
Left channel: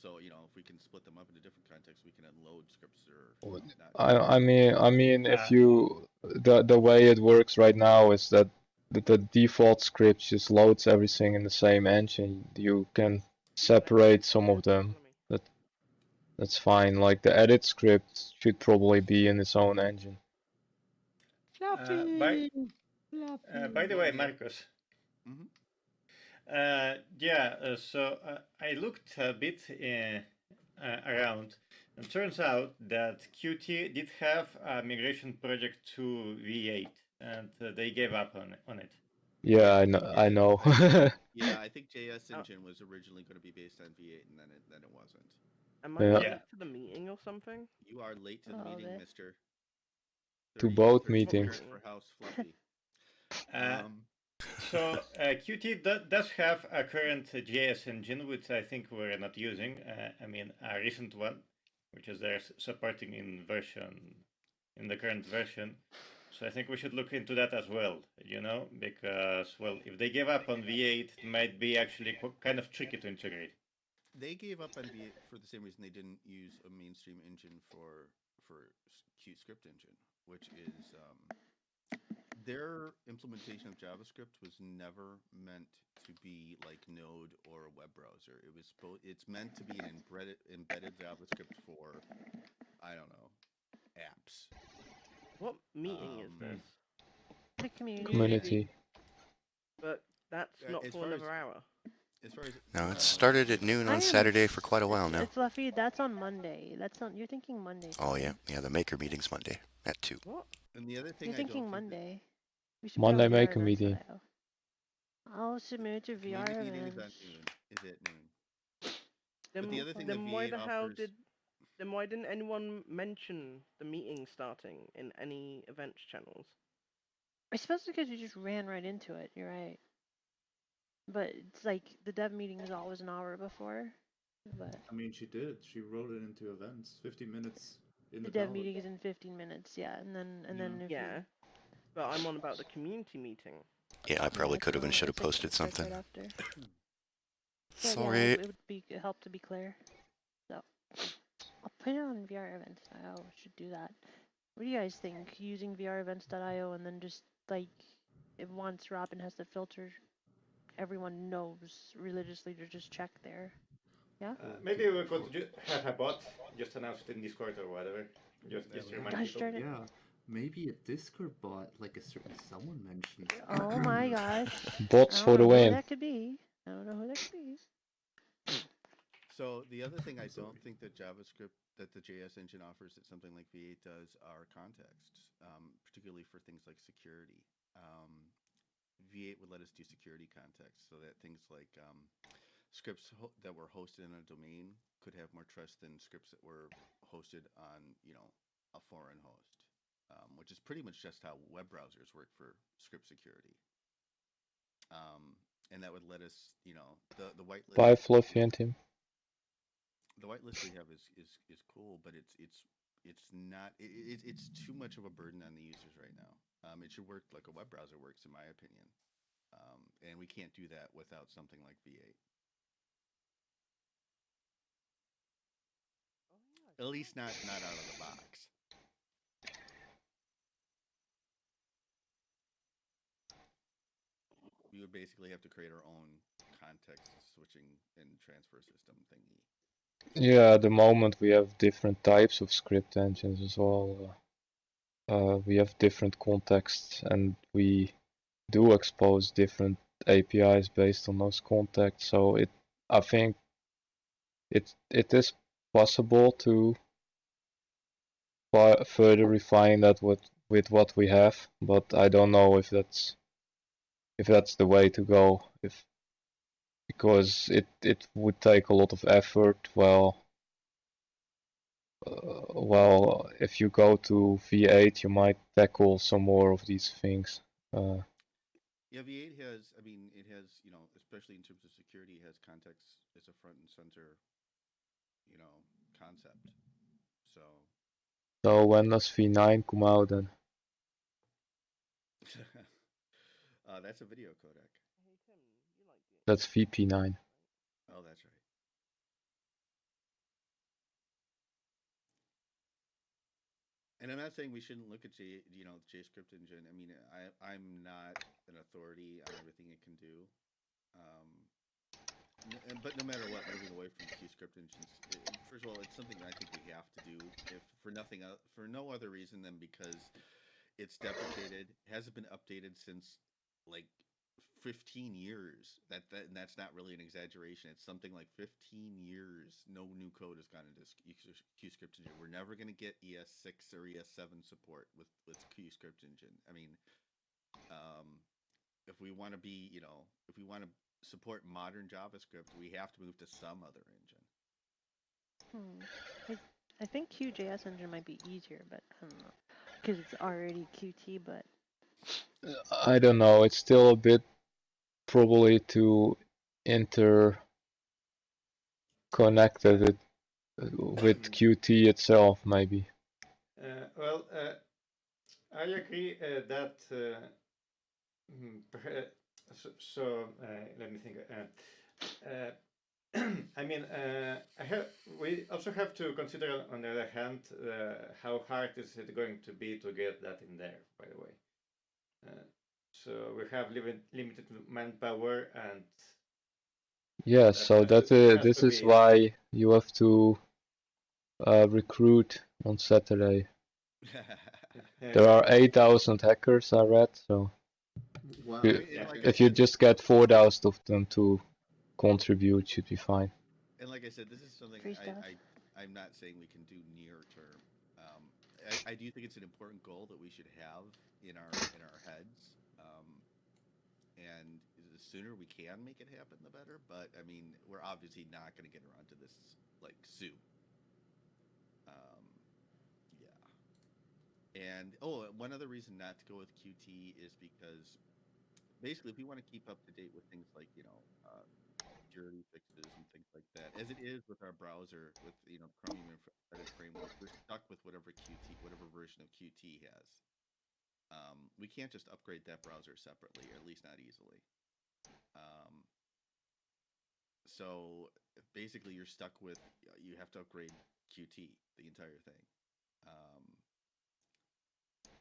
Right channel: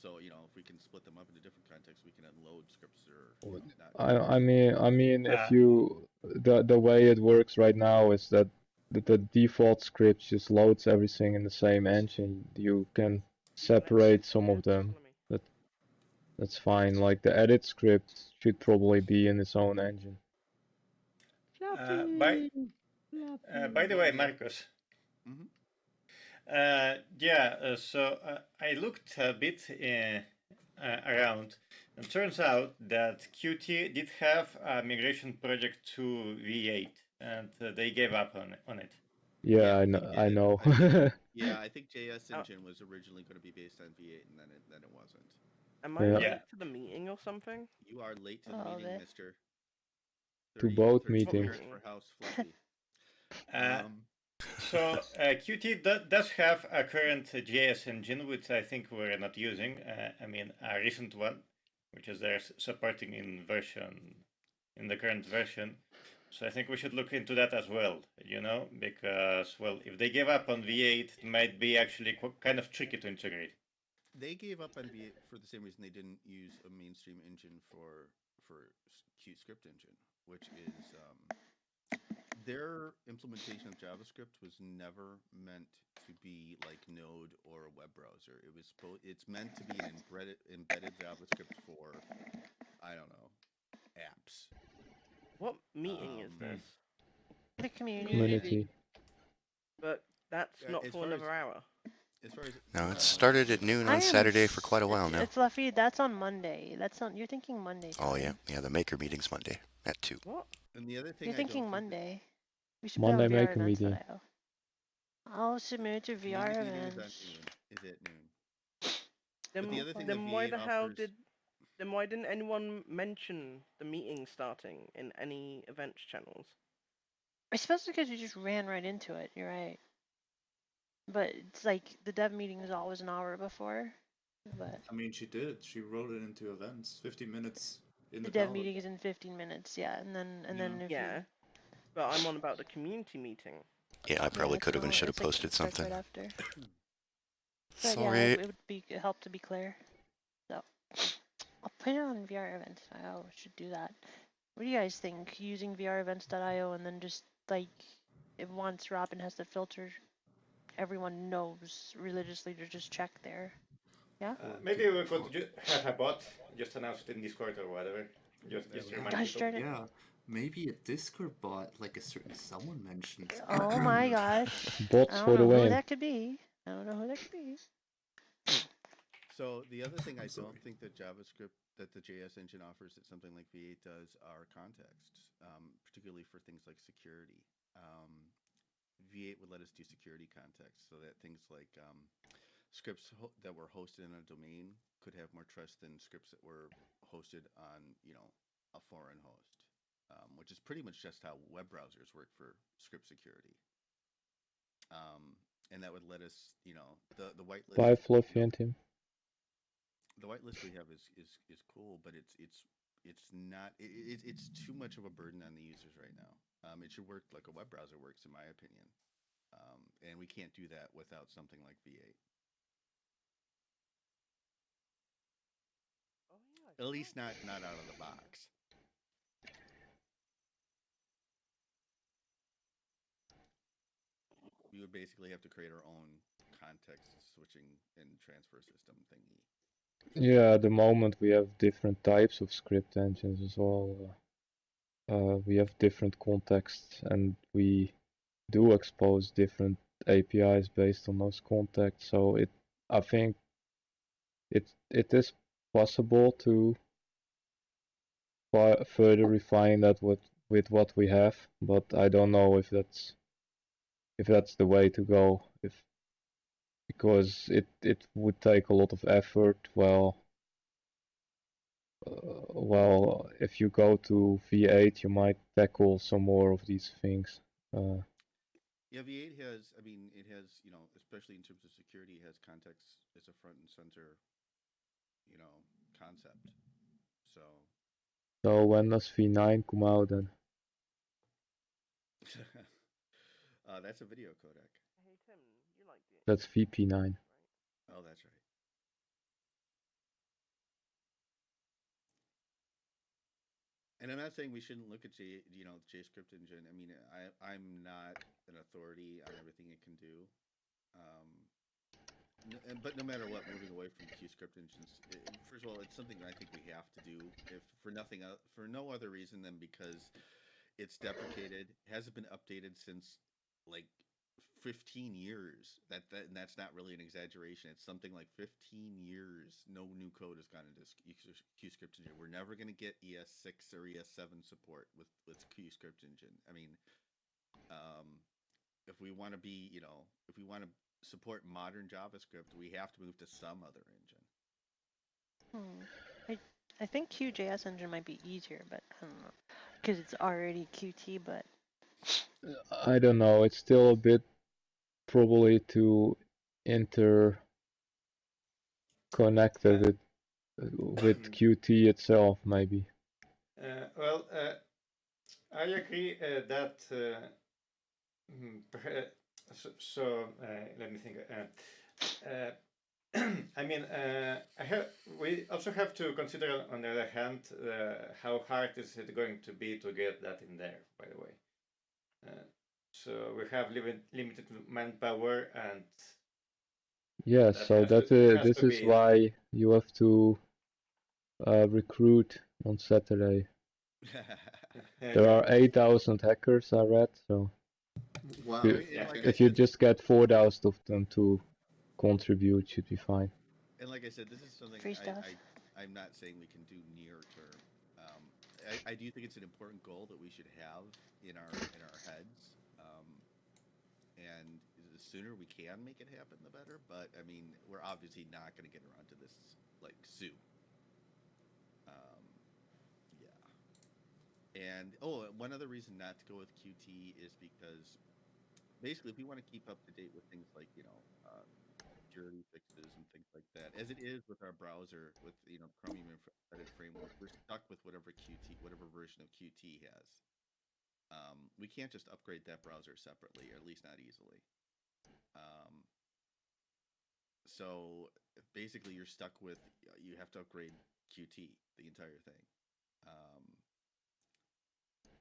So if we can split them up into different contexts, we can unload scripts or not. I mean, if you the way it works right now is that the default script just loads everything in the same engine. You can separate some of them. That's fine. Like the edit script should probably be in its own engine. By the way, Marcus. Mm-hmm. So I looked a bit around, and turns out that Qt did have a migration project to V8, and they gave up on it. Yeah, I know. I think JS Engine was originally going to be based on V8, and then it wasn't. Am I late to the meeting or something? You are late to the meeting, mister. To both meetings. For House Fluffy. So Qt does have a current JS engine, which I think we're not using. I mean, a recent one, which is they're supporting in the current version. So I think we should look into that as well, because, well, if they gave up on V8, it might be actually kind of tricky to integrate. They gave up on V8 for the same reason they didn't use a mainstream engine for Qt Script Engine, which is their implementation of JavaScript was never meant to be like Node or a web browser. It's meant to be an embedded JavaScript for, I don't know, apps. What meeting is this? The community. But that's not for another hour. As far as no, it started at noon on Saturday for quite a while now. It's Fluffy. That's on Monday. You're thinking Monday. Oh yeah, the maker meeting's Monday at 2. What? And the other thing you're thinking Monday. We should Monday maker meeting. I'll submit to VR community events. meeting is at noon. Then, but the other thing then that why V8 the hell offers... Then why didn't anyone mention the meeting starting in any events channels? I suppose because we just ran right into it. You're right. But it's like the dev meeting is always an hour before. But I mean, she did. She wrote it into events. 15 minutes in the dev meeting is in 15 minutes. Yeah, and then if you... But I'm on about the community meeting. Yeah, I probably could have and should have posted something. Right after. Sorry. Yeah, it would help to be clear. So I'll put it on VR events. I should do that. What do you guys think? Using VREvents.io and then just like if once Robin has the filter, everyone knows religiously to just check there. Yeah. Maybe we could have a bot just announce it in Discord or whatever. Just remind people. Yeah. Maybe a Discord bot, like a certain someone mentioned. Oh my gosh. Bots for the win. Who that could be. I don't know who that could be. So the other thing I don't think that JavaScript, that the JS engine offers that something like V8 does are contexts, particularly for things like security. V8 would let us do security context so that things like scripts that were hosted in a domain could have more trust than scripts that were hosted on, a foreign host, which is pretty much just how web browsers work for script security. And that would let us, the whitelist. Bye, Fluffy and Tim. The whitelist we have is cool, but it's not it's too much of a burden on the users right now. It should work like a web browser works, in my opinion, and we can't do that without something like V8. At least not out of the box. We would basically have to create our own context switching and transfer system thingy. Yeah, at the moment we have different types of script engines as well. We have different contexts and we do expose different APIs based on those contexts. So I think it is possible to further refine that with what we have, but I don't know if that's the way to go. Because it would take a lot of effort. Well, if you go to V8, you might tackle some more of these things. Yeah, V8 has, it has, especially in terms of security, it has context as a front and center, concept. So when does V9 come out then? That's a video codec. Hey Tim, you like it? That's VP9. Oh, that's right. And I'm not saying we shouldn't look at JScript engine. I'm not an authority on everything it can do. But no matter what, moving away from QScript engines, first of all, it's something that I think we have to do, if for no other reason than because it's deprecated, hasn't been updated since like 15 years. And that's not really an exaggeration. It's something like 15 years. No new code has gone into QScript engine. We're never going to get ES6 or ES7 support with QScript engine. If we want to be, if we want to support modern JavaScript, we have to move to some other engine. I think QJS engine might be easier, but I don't know, because it's already Qt. But I don't know. It's still a bit probably too interconnected with Qt itself, maybe. I agree that. Let me think. We also have to consider, on the other hand, how hard is it going to be to get that in there, by the way. So we have limited manpower, and yes, so this is why you have to recruit on Saturday. There are 8,000 hackers, I read, so wow. If you just get 4,000 of them to contribute, should be fine. And like I said, this is something I'm not saying we can do near term. I do think it's an important goal that we should have in our heads. And the sooner we can make it happen, the better. But I mean, we're obviously not going to get around to this like soon. Yeah. And one other reason not to go with Qt is because basically, if we want to keep up to date with things like security fixes and things like that, as it is with our browser with Chromium Embedded Framework, we're stuck with whatever version of Qt has. We can't just upgrade that browser separately, or at least not easily. So basically, you're stuck with you have to upgrade Qt, the entire thing.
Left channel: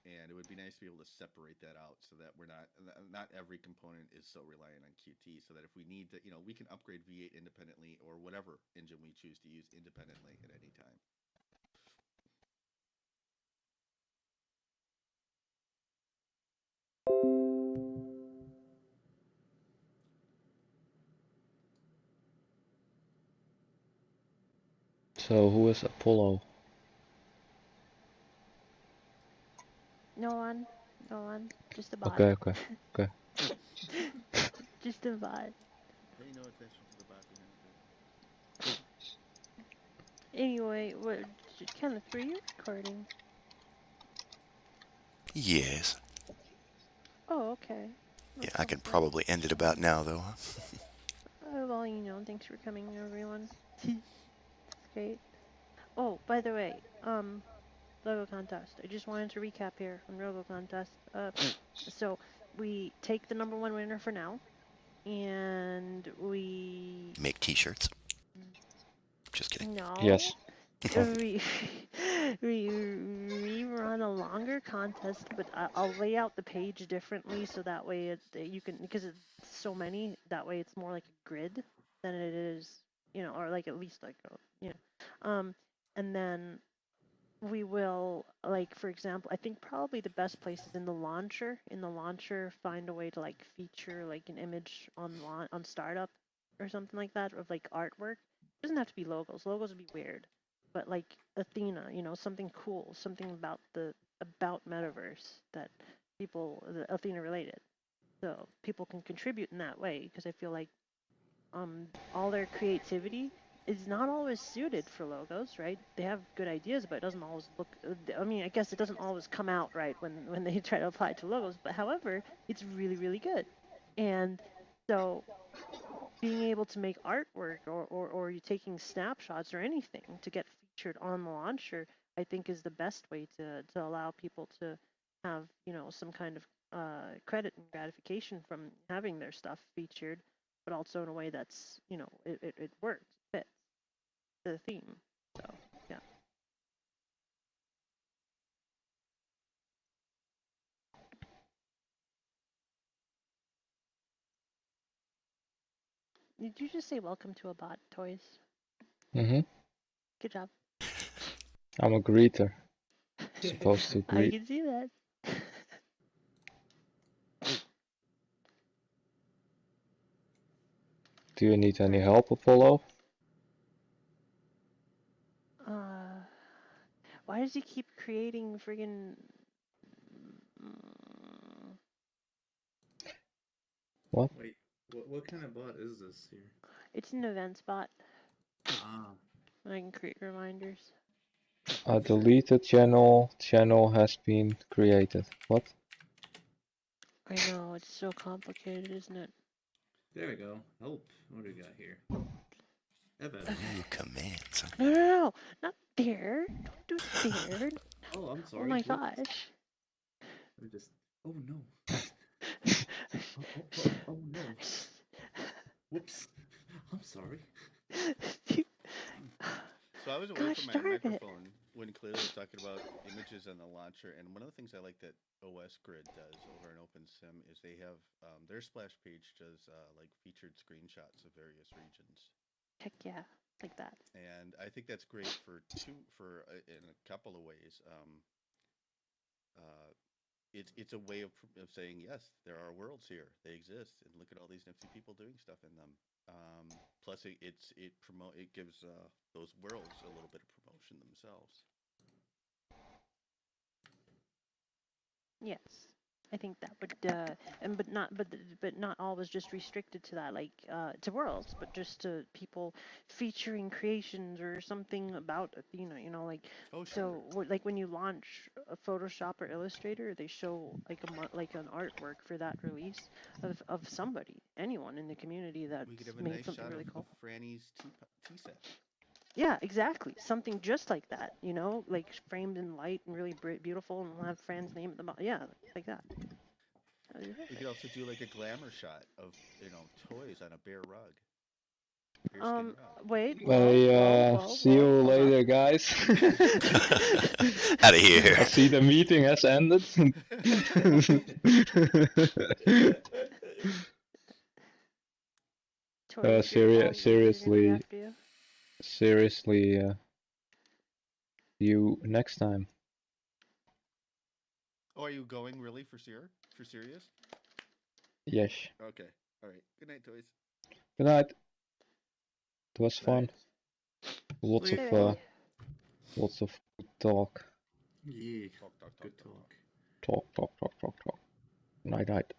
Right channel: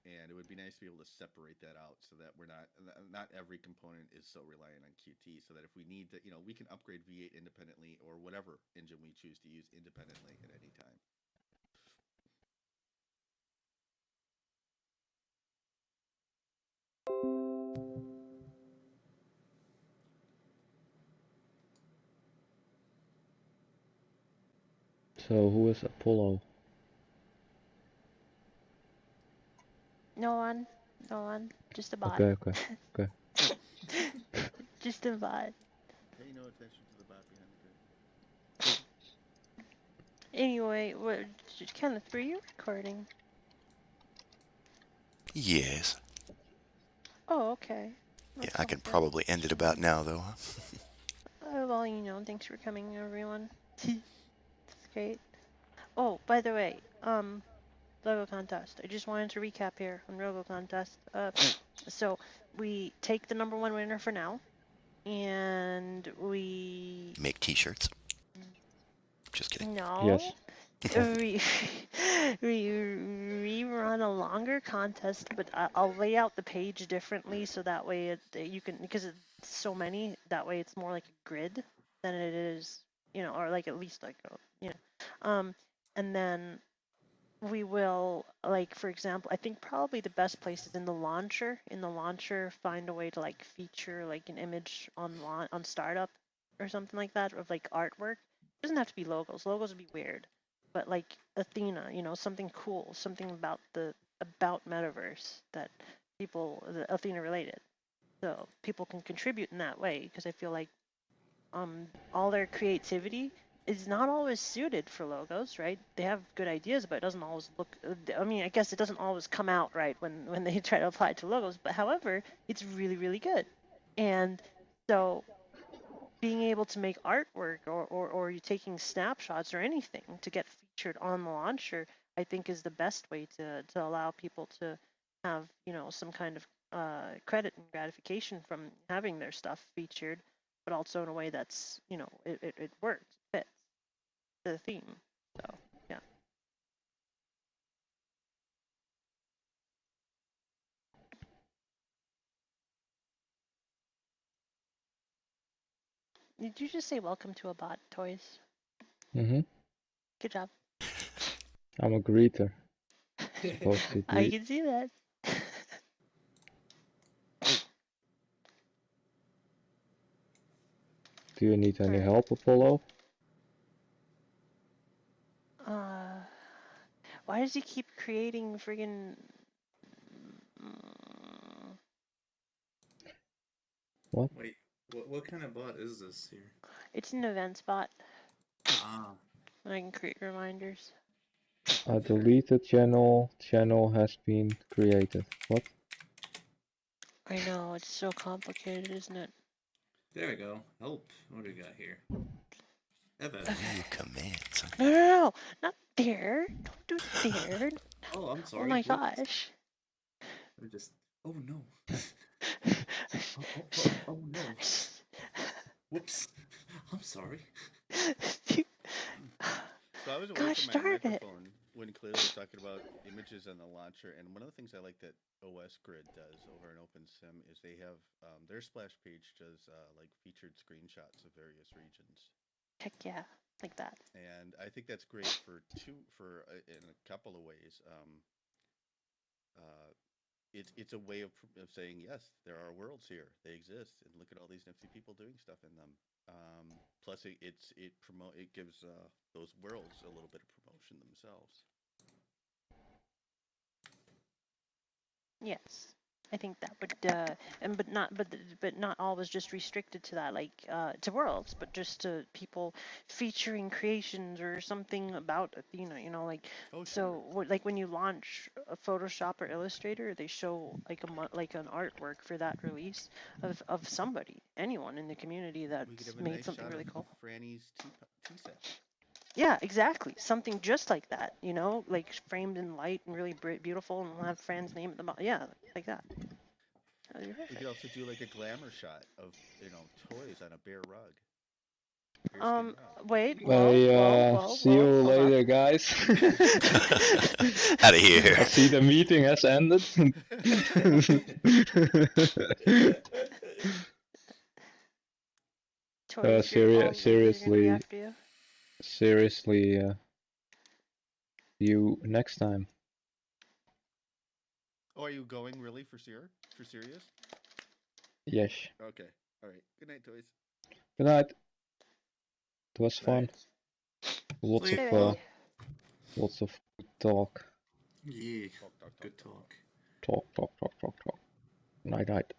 And it would be nice to be able to separate that out so that we're not every component is so reliant on Qt, so that if we need to, we can upgrade V8 independently or whatever engine we choose to use independently at any time. So who is Apollo? No one. Just a bot. Okay. Just a bot. Pay no attention to the bot behind the curtain. Anyway, Kenneth, were you recording? Yes. Oh, okay. Yeah, I can probably end it about now, though. Well, thanks for coming, everyone. That's great. Oh, by the way, logo contest. I just wanted to recap here on logo contest. So we take the number 1 winner for now, and we make T-shirts. Just kidding. No. Yes. we run a longer contest, but I'll lay out the page differently so that way you can, because it's so many, that way it's more like a grid than it is, or like at least like and then we will, like, for example, I think probably the best place is in the launcher. In the launcher, find a way to like feature like an image on startup or something like that of like artwork. It doesn't have to be logos. Logos would be weird, but like Athena, something cool, something about metaverse that Athena related, so people can contribute in that way. Because I feel like all their creativity is not always suited for logos, right? They have good ideas, but it doesn't always look, I mean, I guess it doesn't always come out right when they try to apply it to logos, but however, it's really, really good. And so being able to make artwork or you taking snapshots or anything to get featured on the launcher, I think is the best way to allow people to have, some kind of credit and gratification from having their stuff featured, but also in a way that's, it works, fits the theme. So, yeah. Did you just say welcome to a bot, Toys? Mm-hmm. Good job. I'm a greeter. Supposed to greet. I can see that. Do you need any help, Apollo? Why does he keep creating friggin' What? Wait, what kind of bot is this here? It's an events bot. Ah. I can create reminders. A deleted channel has been created. What? I know, it's so complicated, isn't it? There we go. Help. What do we got here? Evan. New commands. No, not there. Don't do there. Oh, I'm sorry. Oh my gosh. We just. Oh no. oh no. Whoops. I'm sorry. So I was away from my microphone when Cleo was talking about images on the launcher, and one of the things I like that OS Grid does over in OpenSim is they have their splash page does like featured screenshots of various regions. Heck yeah, like that. And I think that's great in a couple of ways. It's a way of saying yes, there are worlds here, they exist, and look at all these nifty people doing stuff in them. Plus, it gives those worlds a little bit of promotion themselves. Yes, I think that would, but not always just restricted to that, like to worlds, but just to people featuring creations or something about Athena. You know, like like when you launch a Photoshop or Illustrator, they show like an artwork for that release of somebody, anyone in the community that made something really cool. Franny's tea set. Yeah, exactly. Something just like that, you know, like framed in light and really beautiful, and we'll have Fran's name at the bottom. Yeah, like that. We could also do like a glamour shot of toys on a bare rug. Wait. See you later, guys. Out of here. I see the meeting has ended. Seriously, see you next time. Oh, are you going really for serious? Yes. Okay. All right. Good night, toys. Good night. It was fun. Lots of talk. Yeah. Talk. Talk. Night. Night.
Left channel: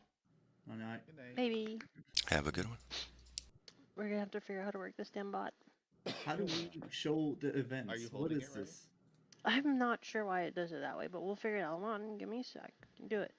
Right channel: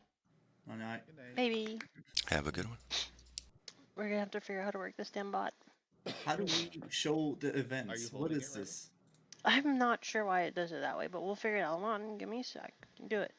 Good night. Maybe. Have a good one. We're gonna have to figure out how to work this damn bot. How do we show the events? Are you holding what is it right? this? I'm not sure why it does it that way, but we'll figure it out. Hold on, give me a sec. Do it.